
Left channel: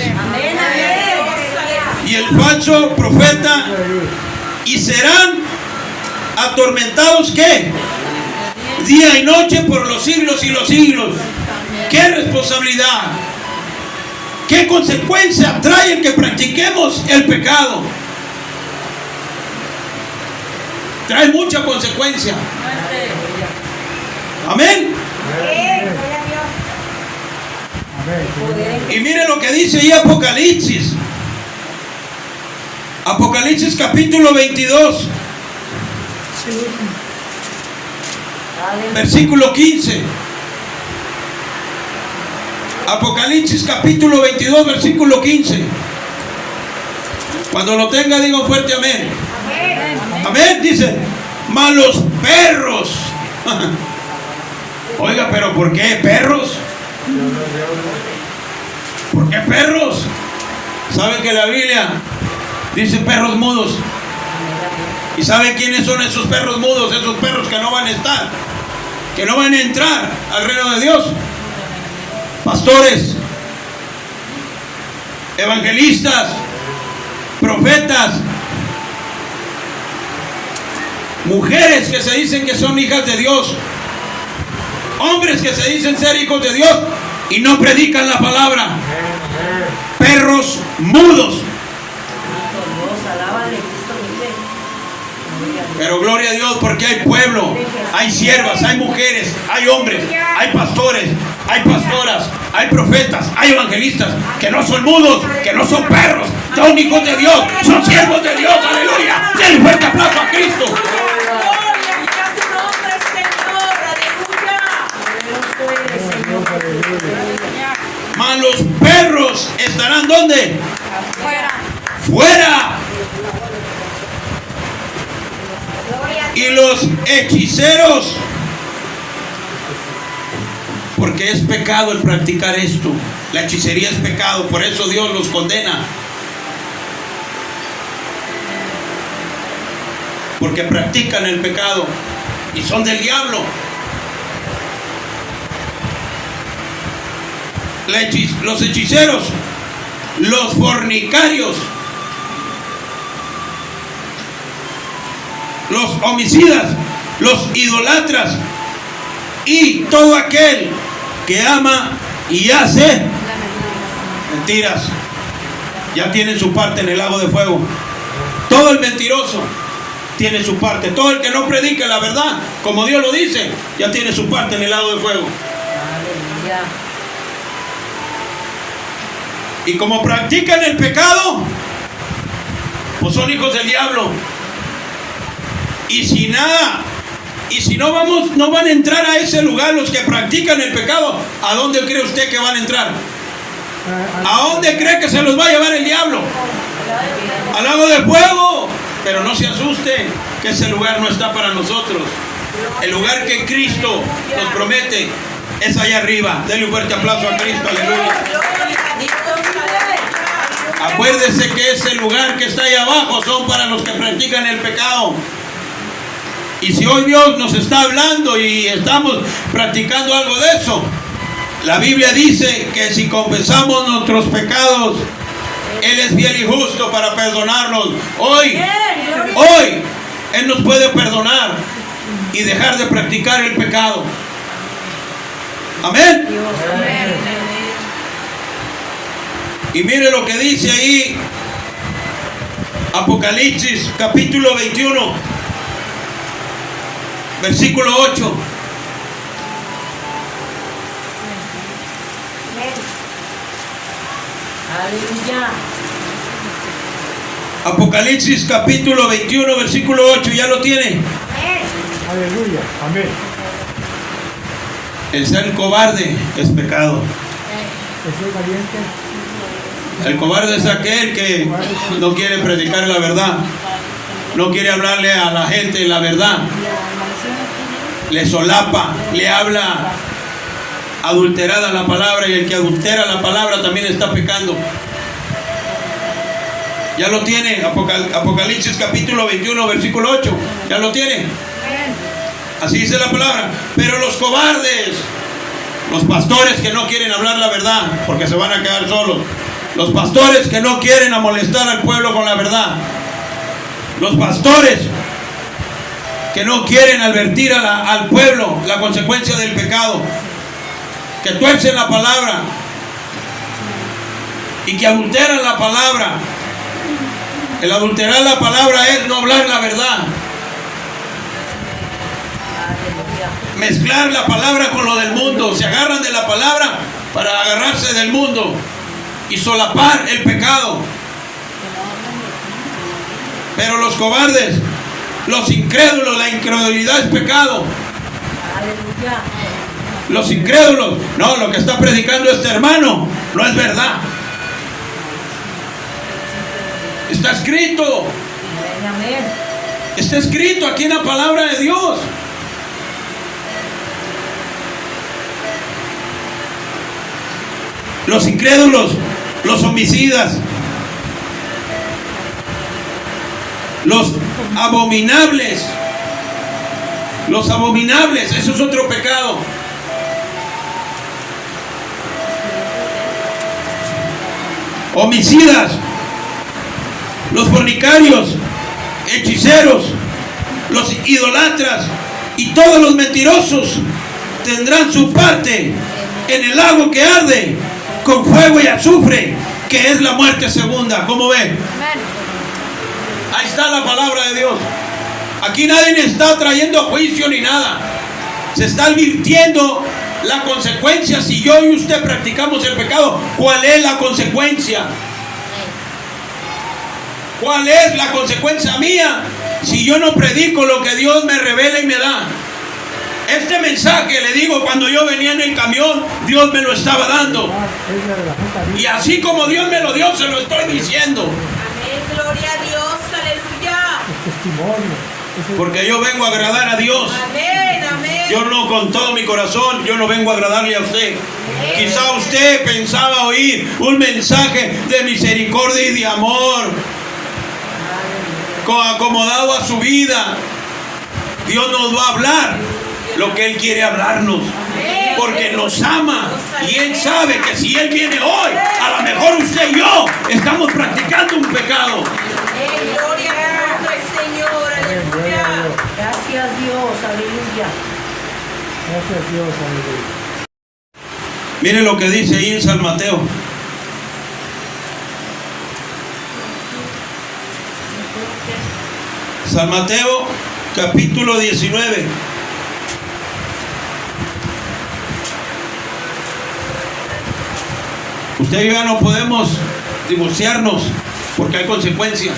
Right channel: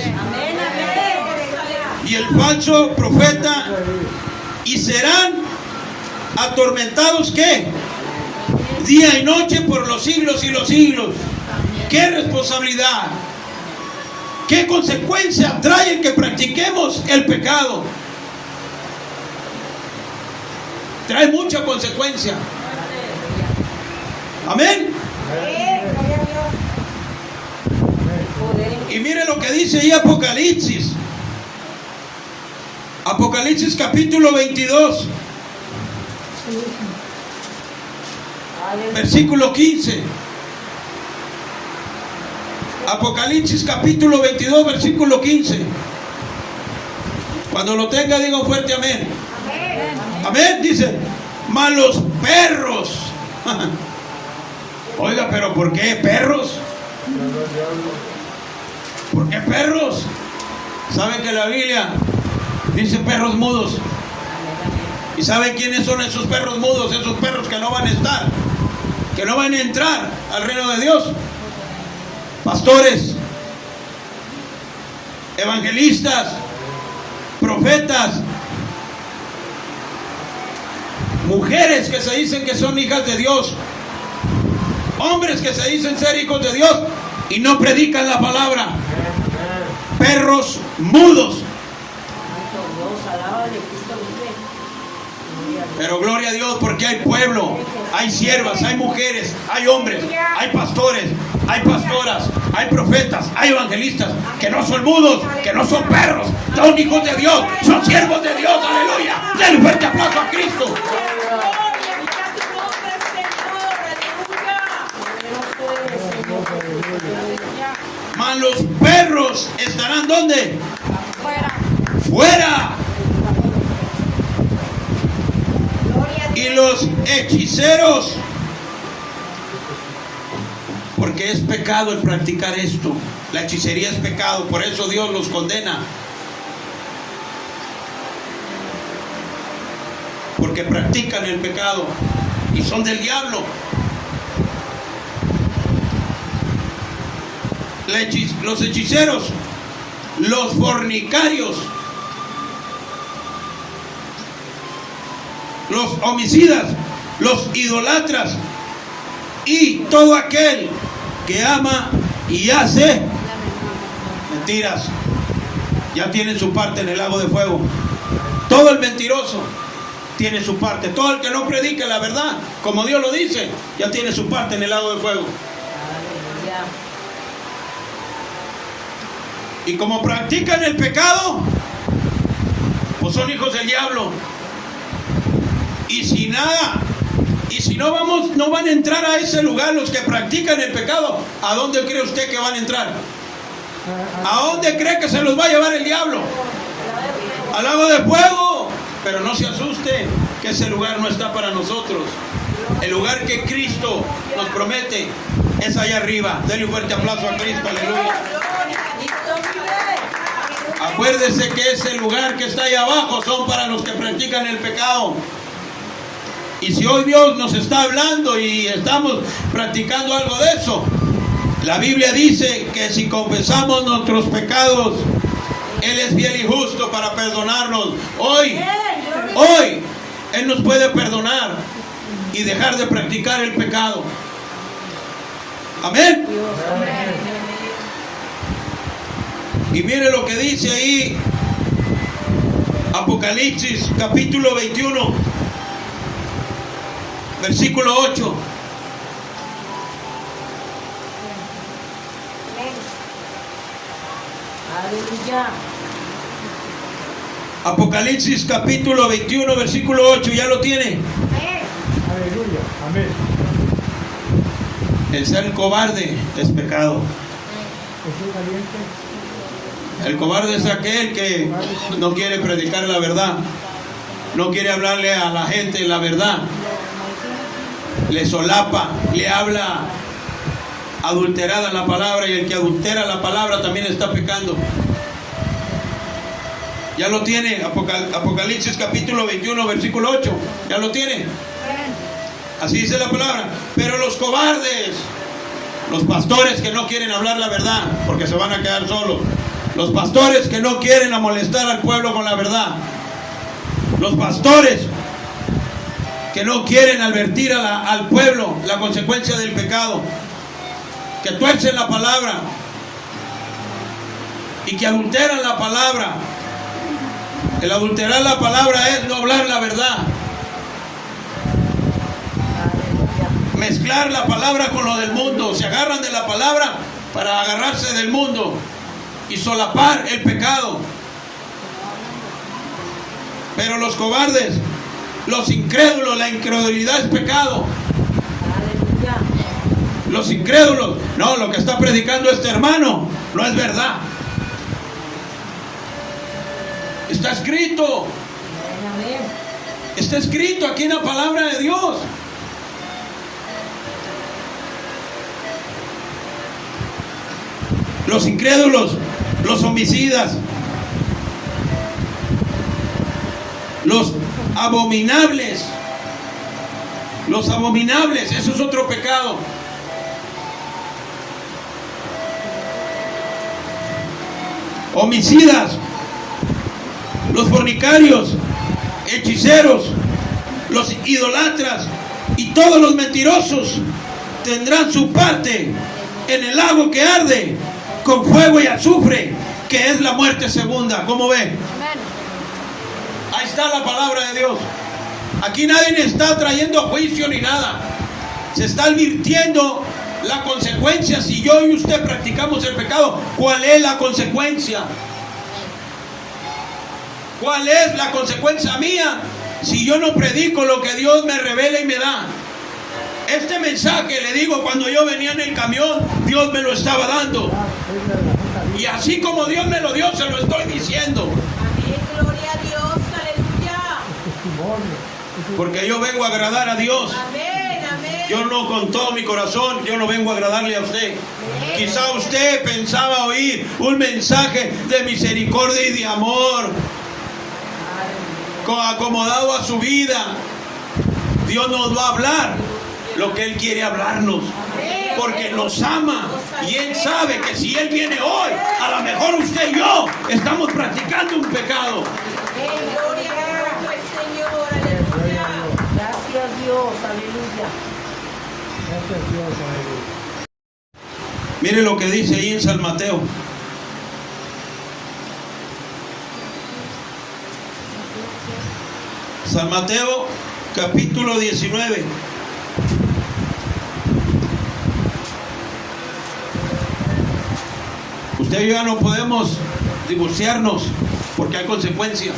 Y el falso profeta, y serán atormentados, ¿qué? Día y noche por los siglos y los siglos. ¿Qué responsabilidad? ¿Qué consecuencia trae el que practiquemos el pecado? Trae mucha consecuencia. Amén. Y mire lo que dice ahí Apocalipsis. Apocalipsis capítulo 22. Versículo 15. Apocalipsis capítulo 22, versículo 15. Cuando lo tenga, diga un fuerte amén. Amén, dice, malos perros. Oiga, pero ¿por qué perros? ¿Por qué perros? ¿Sabe que la Biblia dice perros mudos? ¿Y sabe quiénes son esos perros mudos? Esos perros que no van a estar, que no van a entrar al reino de Dios. Pastores, evangelistas, profetas, mujeres que se dicen que son hijas de Dios, hombres que se dicen ser hijos de Dios y no predican la palabra. Perros mudos. Pero gloria a Dios, porque hay pueblo, hay siervas, hay mujeres, hay hombres, hay pastores, hay pastoras, hay profetas, hay evangelistas que no son mudos, que no son perros, son hijos de Dios, son siervos de Dios. Aleluya. Denle fuerte aplauso a Cristo. Mas los perros estarán ¿dónde? Fuera. Y los hechiceros, porque es pecado el practicar esto. La hechicería es pecado, por eso Dios los condena, porque practican el pecado y son del diablo. Los hechiceros, los fornicarios, los homicidas, los idolatras y todo aquel que ama y hace mentiras, ya tienen su parte en el lago de fuego. Todo el mentiroso tiene su parte. Todo el que no predique la verdad, como Dios lo dice, ya tiene su parte en el lago de fuego. Y como practican el pecado, pues son hijos del diablo. Y si no van a entrar a ese lugar los que practican el pecado, ¿a dónde cree usted que van a entrar? ¿A dónde cree que se los va a llevar el diablo? Al lago de fuego. Pero no se asuste, que ese lugar no está para nosotros. El lugar que Cristo nos promete es allá arriba. Denle un fuerte aplauso a Cristo. Aleluya. Acuérdese que ese lugar que está ahí abajo son para los que practican el pecado. Y si hoy Dios nos está hablando y estamos practicando algo de eso, la Biblia dice que si confesamos nuestros pecados, Él es fiel y justo para perdonarnos. Hoy, Él nos puede perdonar y dejar de practicar el pecado. Amén. Y mire lo que dice ahí Apocalipsis capítulo 21, versículo 8. Aleluya. Apocalipsis capítulo 21, versículo 8, ¿ya lo tiene? Aleluya. Amén. El ser cobarde es pecado. Estoy valiente. El cobarde es aquel que no quiere predicar la verdad, no quiere hablarle a la gente la verdad, le solapa, le habla adulterada la palabra, y el que adultera la palabra también está pecando. Ya lo tiene, Apocalipsis capítulo 21, versículo 8, ya lo tiene. Así dice la palabra. Pero los cobardes, los pastores que no quieren hablar la verdad porque se van a quedar solos, los pastores que no quieren molestar al pueblo con la verdad, los pastores que no quieren advertir al pueblo la consecuencia del pecado, que tuercen la palabra y que adulteran la palabra. El adulterar la palabra es no hablar la verdad, mezclar la palabra con lo del mundo. Se agarran de la palabra para agarrarse del mundo y solapar el pecado. Pero los cobardes, los incrédulos, la incredulidad es pecado. Los incrédulos, no, lo que está predicando este hermano no es verdad. Está escrito. Está escrito aquí en la palabra de Dios. Los incrédulos, los homicidas, los abominables, eso es otro pecado. Homicidas, los fornicarios, hechiceros, los idolatras y todos los mentirosos tendrán su parte en el lago que arde con fuego y azufre, que es la muerte segunda. ¿Cómo ve? Ahí está la palabra de Dios. Aquí nadie está trayendo a juicio ni nada. Se está advirtiendo la consecuencia. Si yo y usted practicamos el pecado, ¿cuál es la consecuencia? ¿Cuál es la consecuencia mía si yo no predico lo que Dios me revela y me da? Este mensaje, le digo, cuando yo venía en el camión, Dios me lo estaba dando. Y así como Dios me lo dio, se lo estoy diciendo. Amén, gloria a Dios, aleluya. Porque yo vengo a agradar a Dios. Amén, amén. Yo no, con todo mi corazón, yo no vengo a agradarle a usted. Quizá usted pensaba oír un mensaje de misericordia y de amor, acomodado a su vida. Dios nos va a hablar lo que Él quiere hablarnos, porque nos ama, y Él sabe que si Él viene hoy, a lo mejor usted y yo estamos practicando un pecado. Gloria al Señor, aleluya. Gracias Dios, aleluya. Gracias Dios, aleluya. Mire lo que dice ahí en San Mateo. San Mateo capítulo 19. Usted y yo ya no podemos divorciarnos porque hay consecuencias.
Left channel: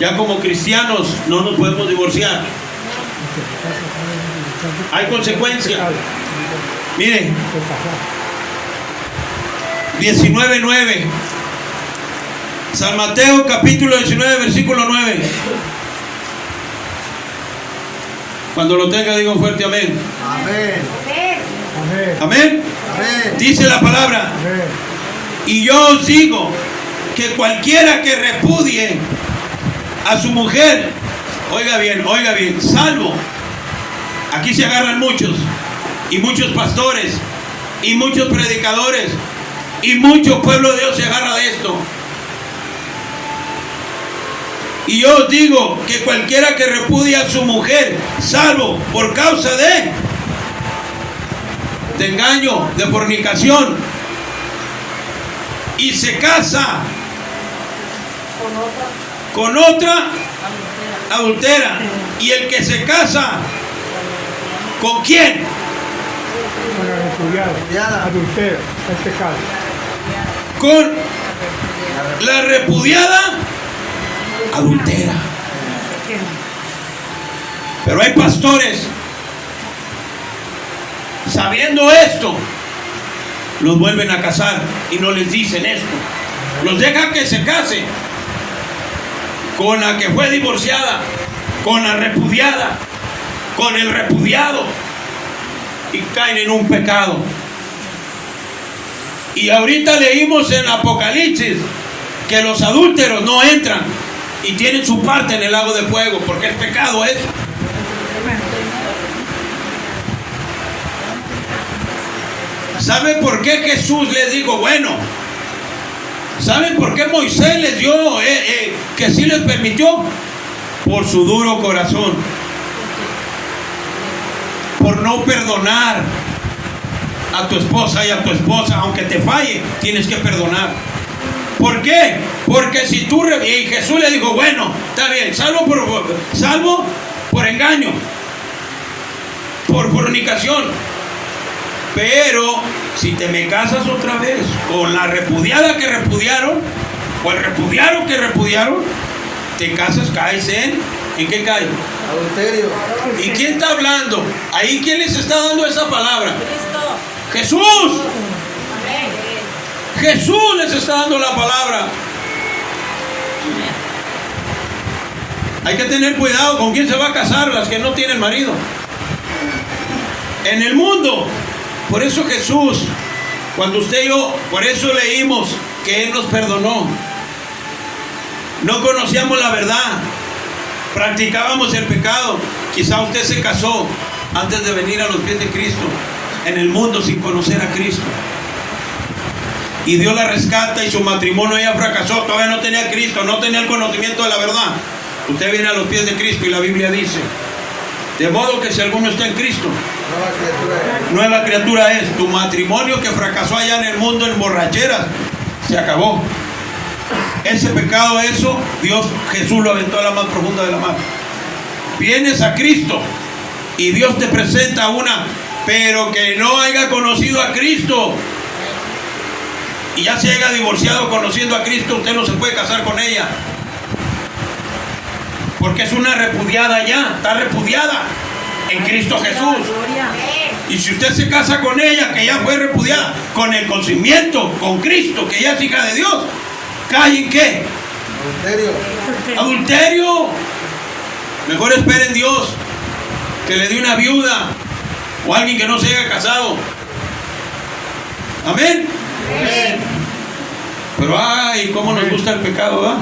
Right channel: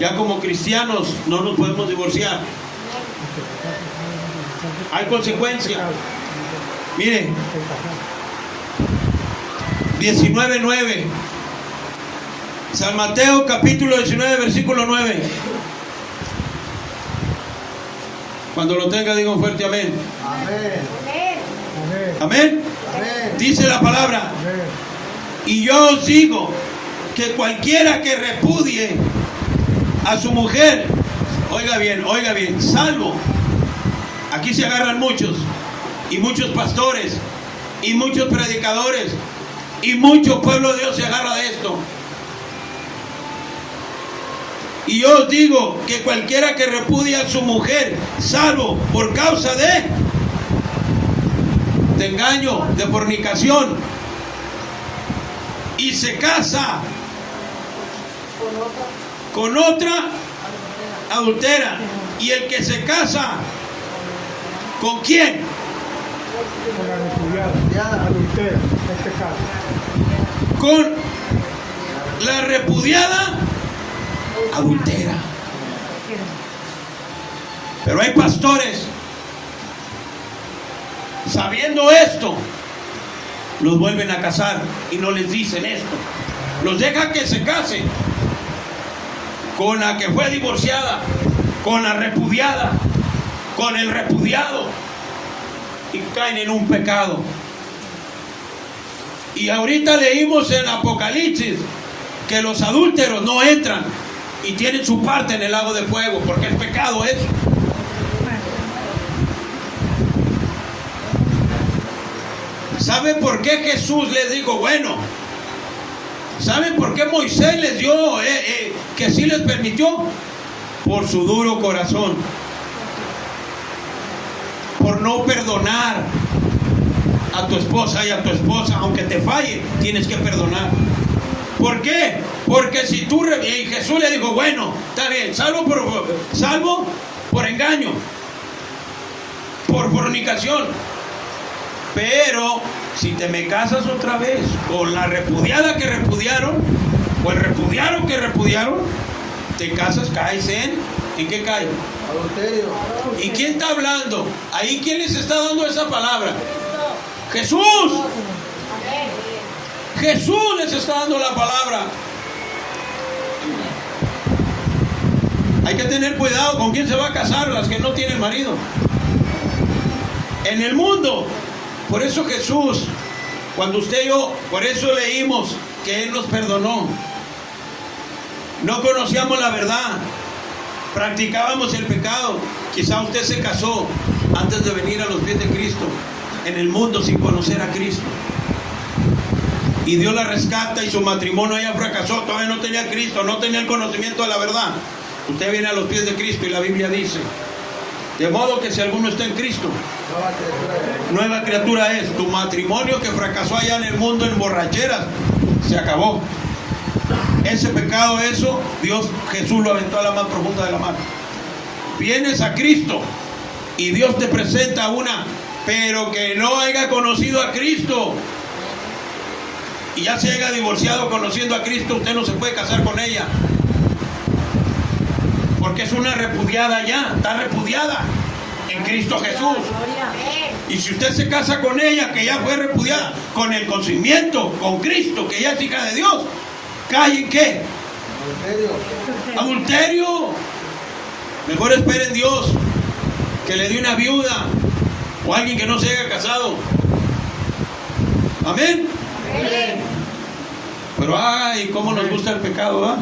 Ya como cristianos no nos podemos divorciar. Hay consecuencias. Mire, 19:9. San Mateo capítulo 19, versículo 9. Cuando lo tenga, diga un fuerte amén. Amén. Amén. Amén. Amén. Amén. Dice la palabra: Amén. y yo os digo que cualquiera que repudie a su mujer, oiga bien, salvo, aquí se agarran muchos, y muchos pastores, y muchos predicadores, y mucho pueblo de Dios se agarra de esto. Y yo os digo que cualquiera que repudia a su mujer, salvo por causa de engaño, de fornicación, y se casa con otra, adultera. Y el que se casa, ¿con quién? Con la repudiada, adultera, es pecado. Con la repudiada adultera. Pero hay pastores, sabiendo esto, los vuelven a casar y no les dicen esto. Los dejan que se case con la que fue divorciada, con la repudiada, con el repudiado, y caen en un pecado. Y ahorita leímos en Apocalipsis que los adúlteros no entran y tienen su parte en el lago de fuego, porque es pecado eso. ¿Saben por qué Jesús les dijo, bueno? ¿Saben por qué Moisés les dio que sí les permitió? Por su duro corazón, por no perdonar a tu esposa y a tu esposa, aunque te falle, tienes que perdonar. ¿Por qué? Porque si tú... Y Jesús le dijo, bueno, está bien, salvo por engaño, por fornicación, pero si te me casas otra vez con la repudiada que repudiaron, o el repudiado que repudiaron, te casas, caes ¿en qué cae? Adulterio. ¿Y quién está hablando? Ahí, ¿quién les está dando esa palabra? Jesús. Jesús les está dando la palabra. Hay que tener cuidado con quién se va a casar, las que no tienen marido. En el mundo. Por eso Jesús, cuando usted y yo, por eso leímos que Él nos perdonó. No conocíamos la verdad, practicábamos el pecado. Quizá usted se casó antes de venir a los pies de Cristo, en el mundo sin conocer a Cristo. Y Dios la rescata y su matrimonio ya fracasó, todavía no tenía a Cristo, no tenía el conocimiento de la verdad. Usted viene a los pies de Cristo y la Biblia dice, de modo que si alguno está en Cristo, nueva criatura es. Tu matrimonio que fracasó allá en el mundo en borracheras, se acabó. Ese pecado, eso, Jesús lo aventó a la más profunda de la mar. Vienes a Cristo y Dios te presenta una, pero que no haya conocido a Cristo y ya se haya divorciado conociendo a Cristo, usted no se puede casar con ella, porque es una repudiada ya, está repudiada en Cristo Jesús. Y si usted se casa con ella, que ya fue repudiada, con el conocimiento, con Cristo, que ya es hija de Dios, ¿cae en qué? Adulterio. Adulterio. Mejor espere en Dios que le dé una viuda o alguien que no se haya casado. Amén. Amén. Pero ay, cómo nos gusta el pecado, ¿verdad?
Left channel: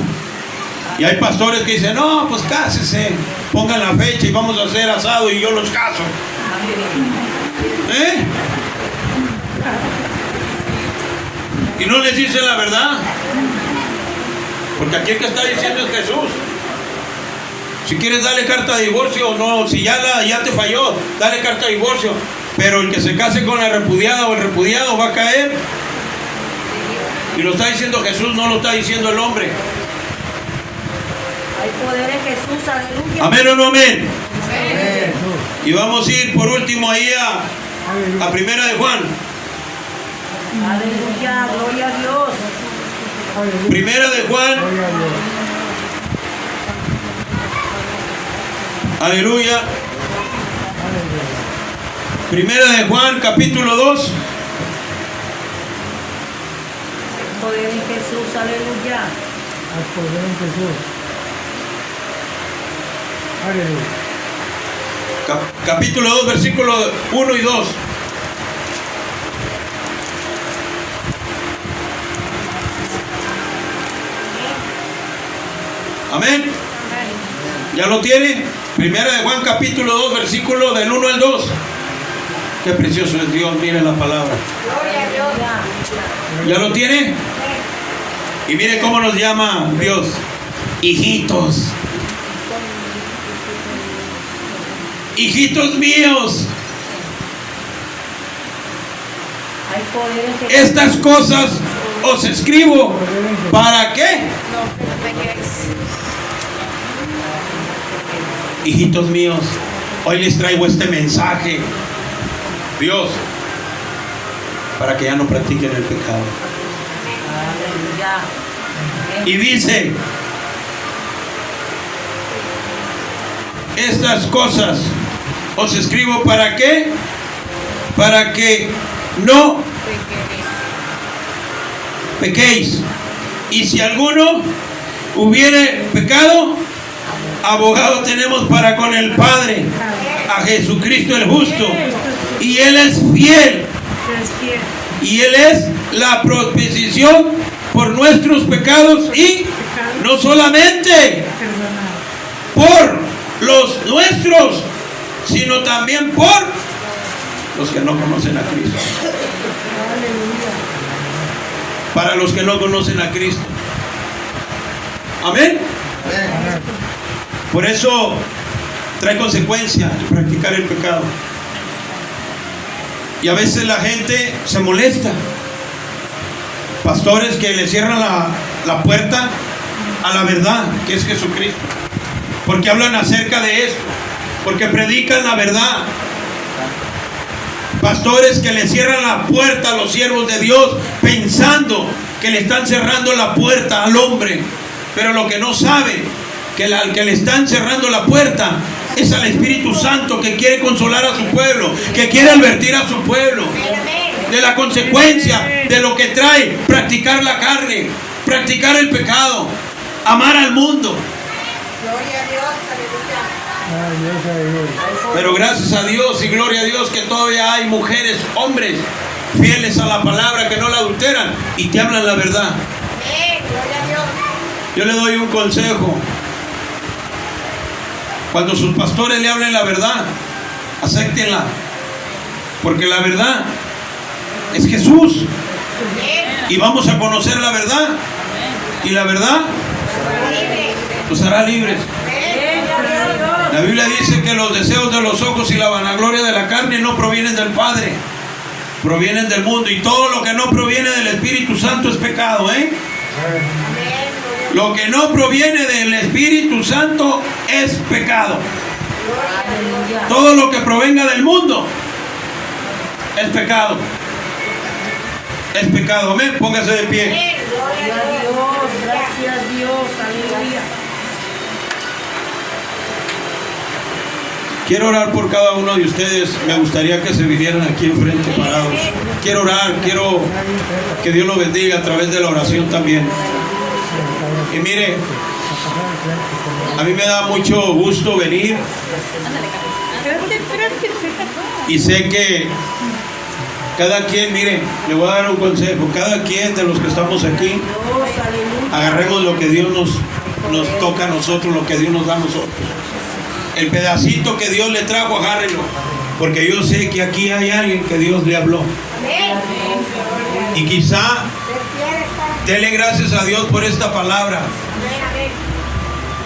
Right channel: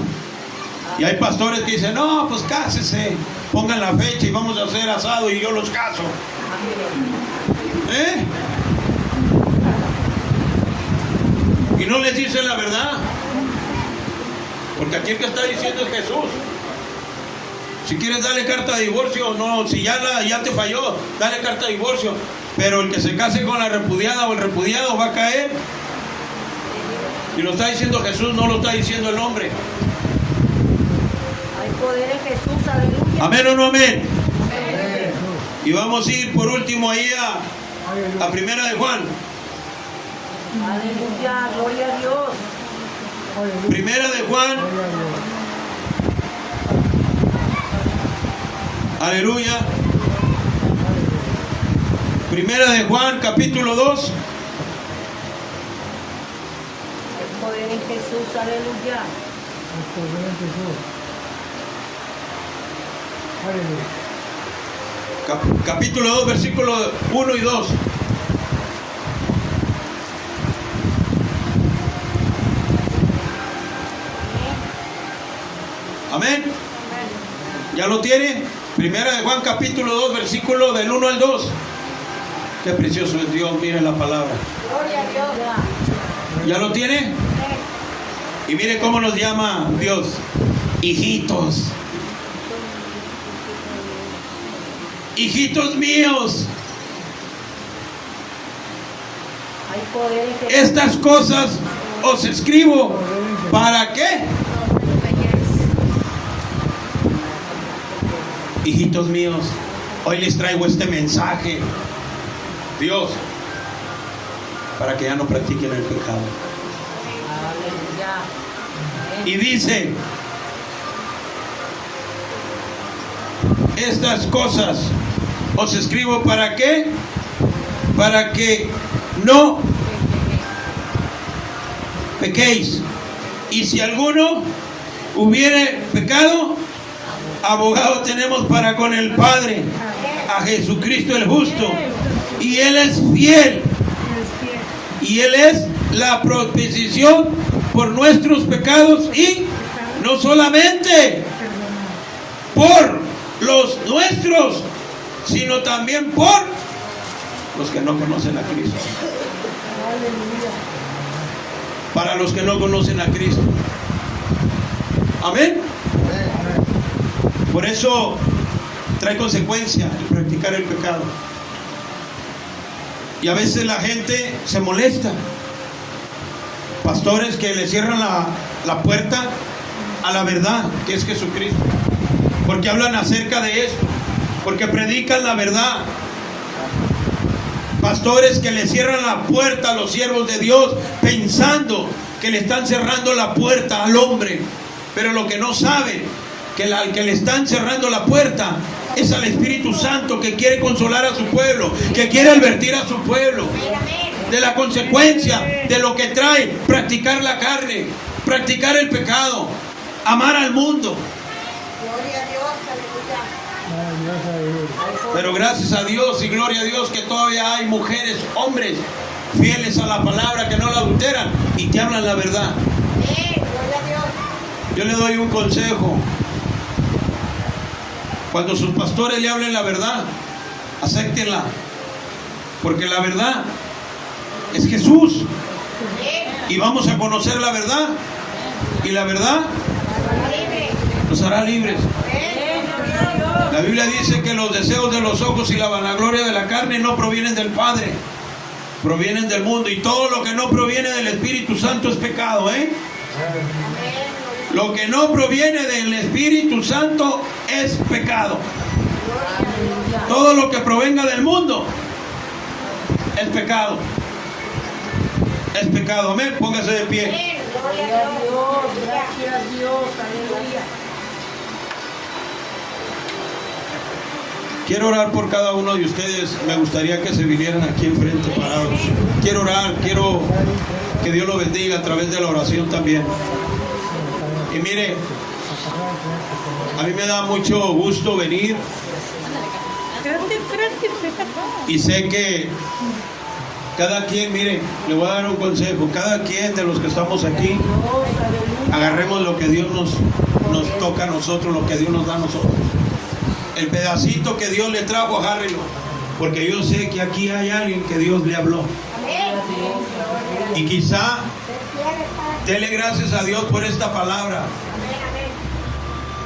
Y hay pastores que dicen, no, pues cásese, pongan la fecha y vamos a hacer asado y yo los caso. Y no les dicen la verdad, porque aquí el que está diciendo es Jesús. Si quieres darle carta de divorcio, no, si ya te falló, dale carta de divorcio, pero el que se case con la repudiada o el repudiado va a caer. Y lo está diciendo Jesús, no lo está diciendo el hombre. Hay poder en Jesús, aleluya. ¿Amén o no amén? Amén. Y vamos a ir por último ahí a Primera de Juan. Aleluya, gloria a Dios. Primera de Juan. Aleluya. Primera de Juan, capítulo 2. Hay poder en Jesús, aleluya. Hay poder en Jesús. Aleluya. Capítulo 2, versículos 1 y 2. Amén. ¿Ya lo tiene? Primera de Juan, capítulo 2, versículo del 1 al 2. Qué precioso es Dios, mire la palabra. Gloria a Dios. ¿Ya lo tiene? Y mire cómo nos llama Dios. Hijitos. Hijitos míos. Hay poder en Jesús. Estas cosas os escribo. ¿Para qué? Hijitos míos, hoy les traigo este mensaje, Dios, para que ya no practiquen el pecado. Aleluya. Y dice, estas cosas os escribo ¿para qué? Para que no pequéis. Y si alguno hubiere pecado, abogado tenemos para con el Padre, a Jesucristo el justo. Y Él es fiel. Y Él es la propiciación por nuestros pecados, y no solamente por los nuestros, sino también por los que no conocen a Cristo. Para los que no conocen a Cristo. Amén. Por eso trae consecuencia el practicar el pecado. Y a veces la gente se molesta. Pastores que le cierran la puerta a la verdad, que es Jesucristo. Porque hablan acerca de esto. Porque predican la verdad. Pastores que le cierran la puerta a los siervos de Dios, pensando que le están cerrando la puerta al hombre. Pero lo que no saben, que al que le están cerrando la puerta es al Espíritu Santo, que quiere consolar a su pueblo, que quiere advertir a su pueblo de la consecuencia de lo que trae practicar la carne, practicar el pecado, amar al mundo. Gloria a Dios, aleluya. Pero gracias a Dios y gloria a Dios que todavía hay mujeres, hombres fieles a la palabra, que no la adulteran y que hablan la verdad. Gloria a Dios. Yo le doy un consejo. Cuando sus pastores le hablen la verdad, acéptenla, porque la verdad es Jesús, y vamos a conocer la verdad, y la verdad nos hará libres. La Biblia dice que los deseos de los ojos y la vanagloria de la carne no provienen del Padre, provienen del mundo, y todo lo que no proviene del Espíritu Santo es pecado, Lo que no proviene del Espíritu Santo es pecado. Todo lo que provenga del mundo es pecado. Es pecado. Amén. Póngase de pie. Gloria a Dios, gracias a Dios, aleluya. Quiero orar por cada uno de ustedes. Me gustaría que se vinieran aquí enfrente parados. Quiero orar, quiero que Dios los bendiga a través de la oración también. Y mire, a mí me da mucho gusto venir, y sé que cada quien, mire, le voy a dar un consejo, cada quien de los que estamos aquí, agarremos lo que Dios nos toca a nosotros, lo que Dios nos da a nosotros. El pedacito que Dios le trajo, agárrenlo, porque yo sé que aquí hay alguien que Dios le habló. Y quizá dele gracias a Dios por esta palabra.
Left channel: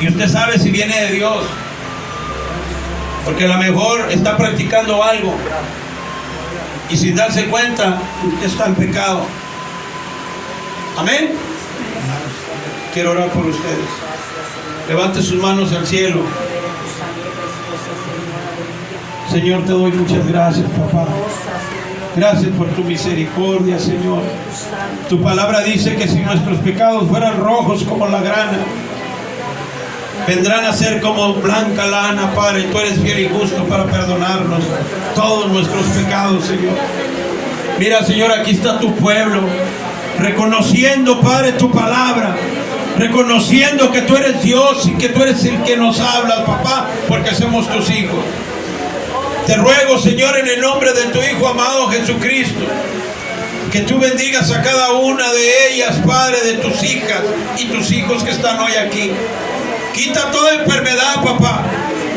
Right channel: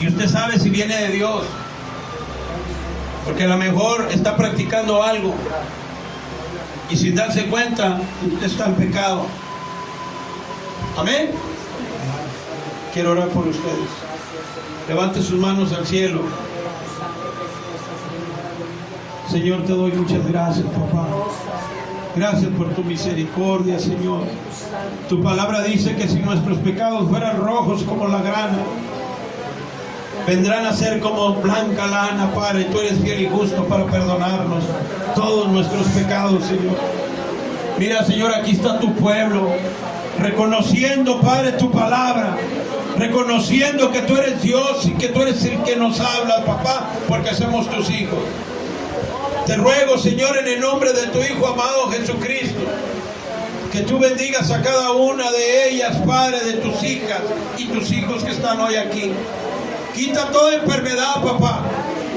Y usted sabe si viene de Dios, porque a lo mejor está practicando algo y sin darse cuenta usted está en pecado. Amén. Quiero orar por ustedes. Levante sus manos al cielo. Señor, te doy muchas gracias, papá. Gracias por tu misericordia, Señor. Tu palabra dice que si nuestros pecados fueran rojos como la grana, vendrán a ser como blanca lana, Padre. Tú eres fiel y justo para perdonarnos todos nuestros pecados, Señor. Mira, Señor, aquí está tu pueblo, reconociendo, Padre, tu palabra, reconociendo que tú eres Dios y que tú eres el que nos habla, papá, porque somos tus hijos. Te ruego, Señor, en el nombre de tu Hijo amado Jesucristo, que tú bendigas a cada una de ellas, Padre, de tus hijas y tus hijos que están hoy aquí. Quita toda enfermedad, papá.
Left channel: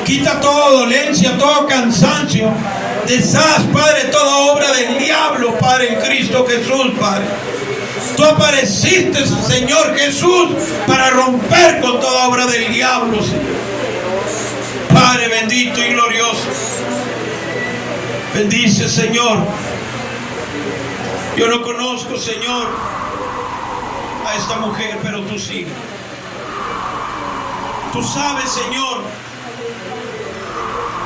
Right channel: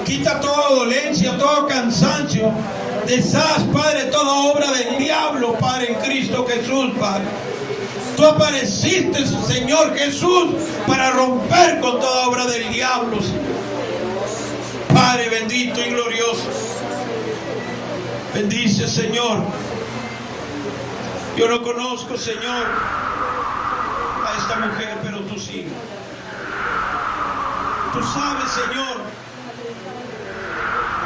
Quita toda dolencia, todo cansancio. Deshaz, Padre, toda obra del diablo, Padre, en Cristo Jesús, Padre. Tú apareciste, Señor Jesús, para romper con toda obra del diablo, Señor. Padre bendito y glorioso. Bendice, Señor. Yo no conozco, Señor, a esta mujer, pero tú sí. Tú sabes, Señor,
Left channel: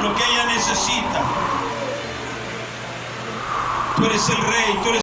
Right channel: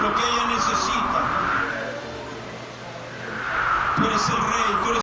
lo que ella necesita. Tú eres el Rey, tú eres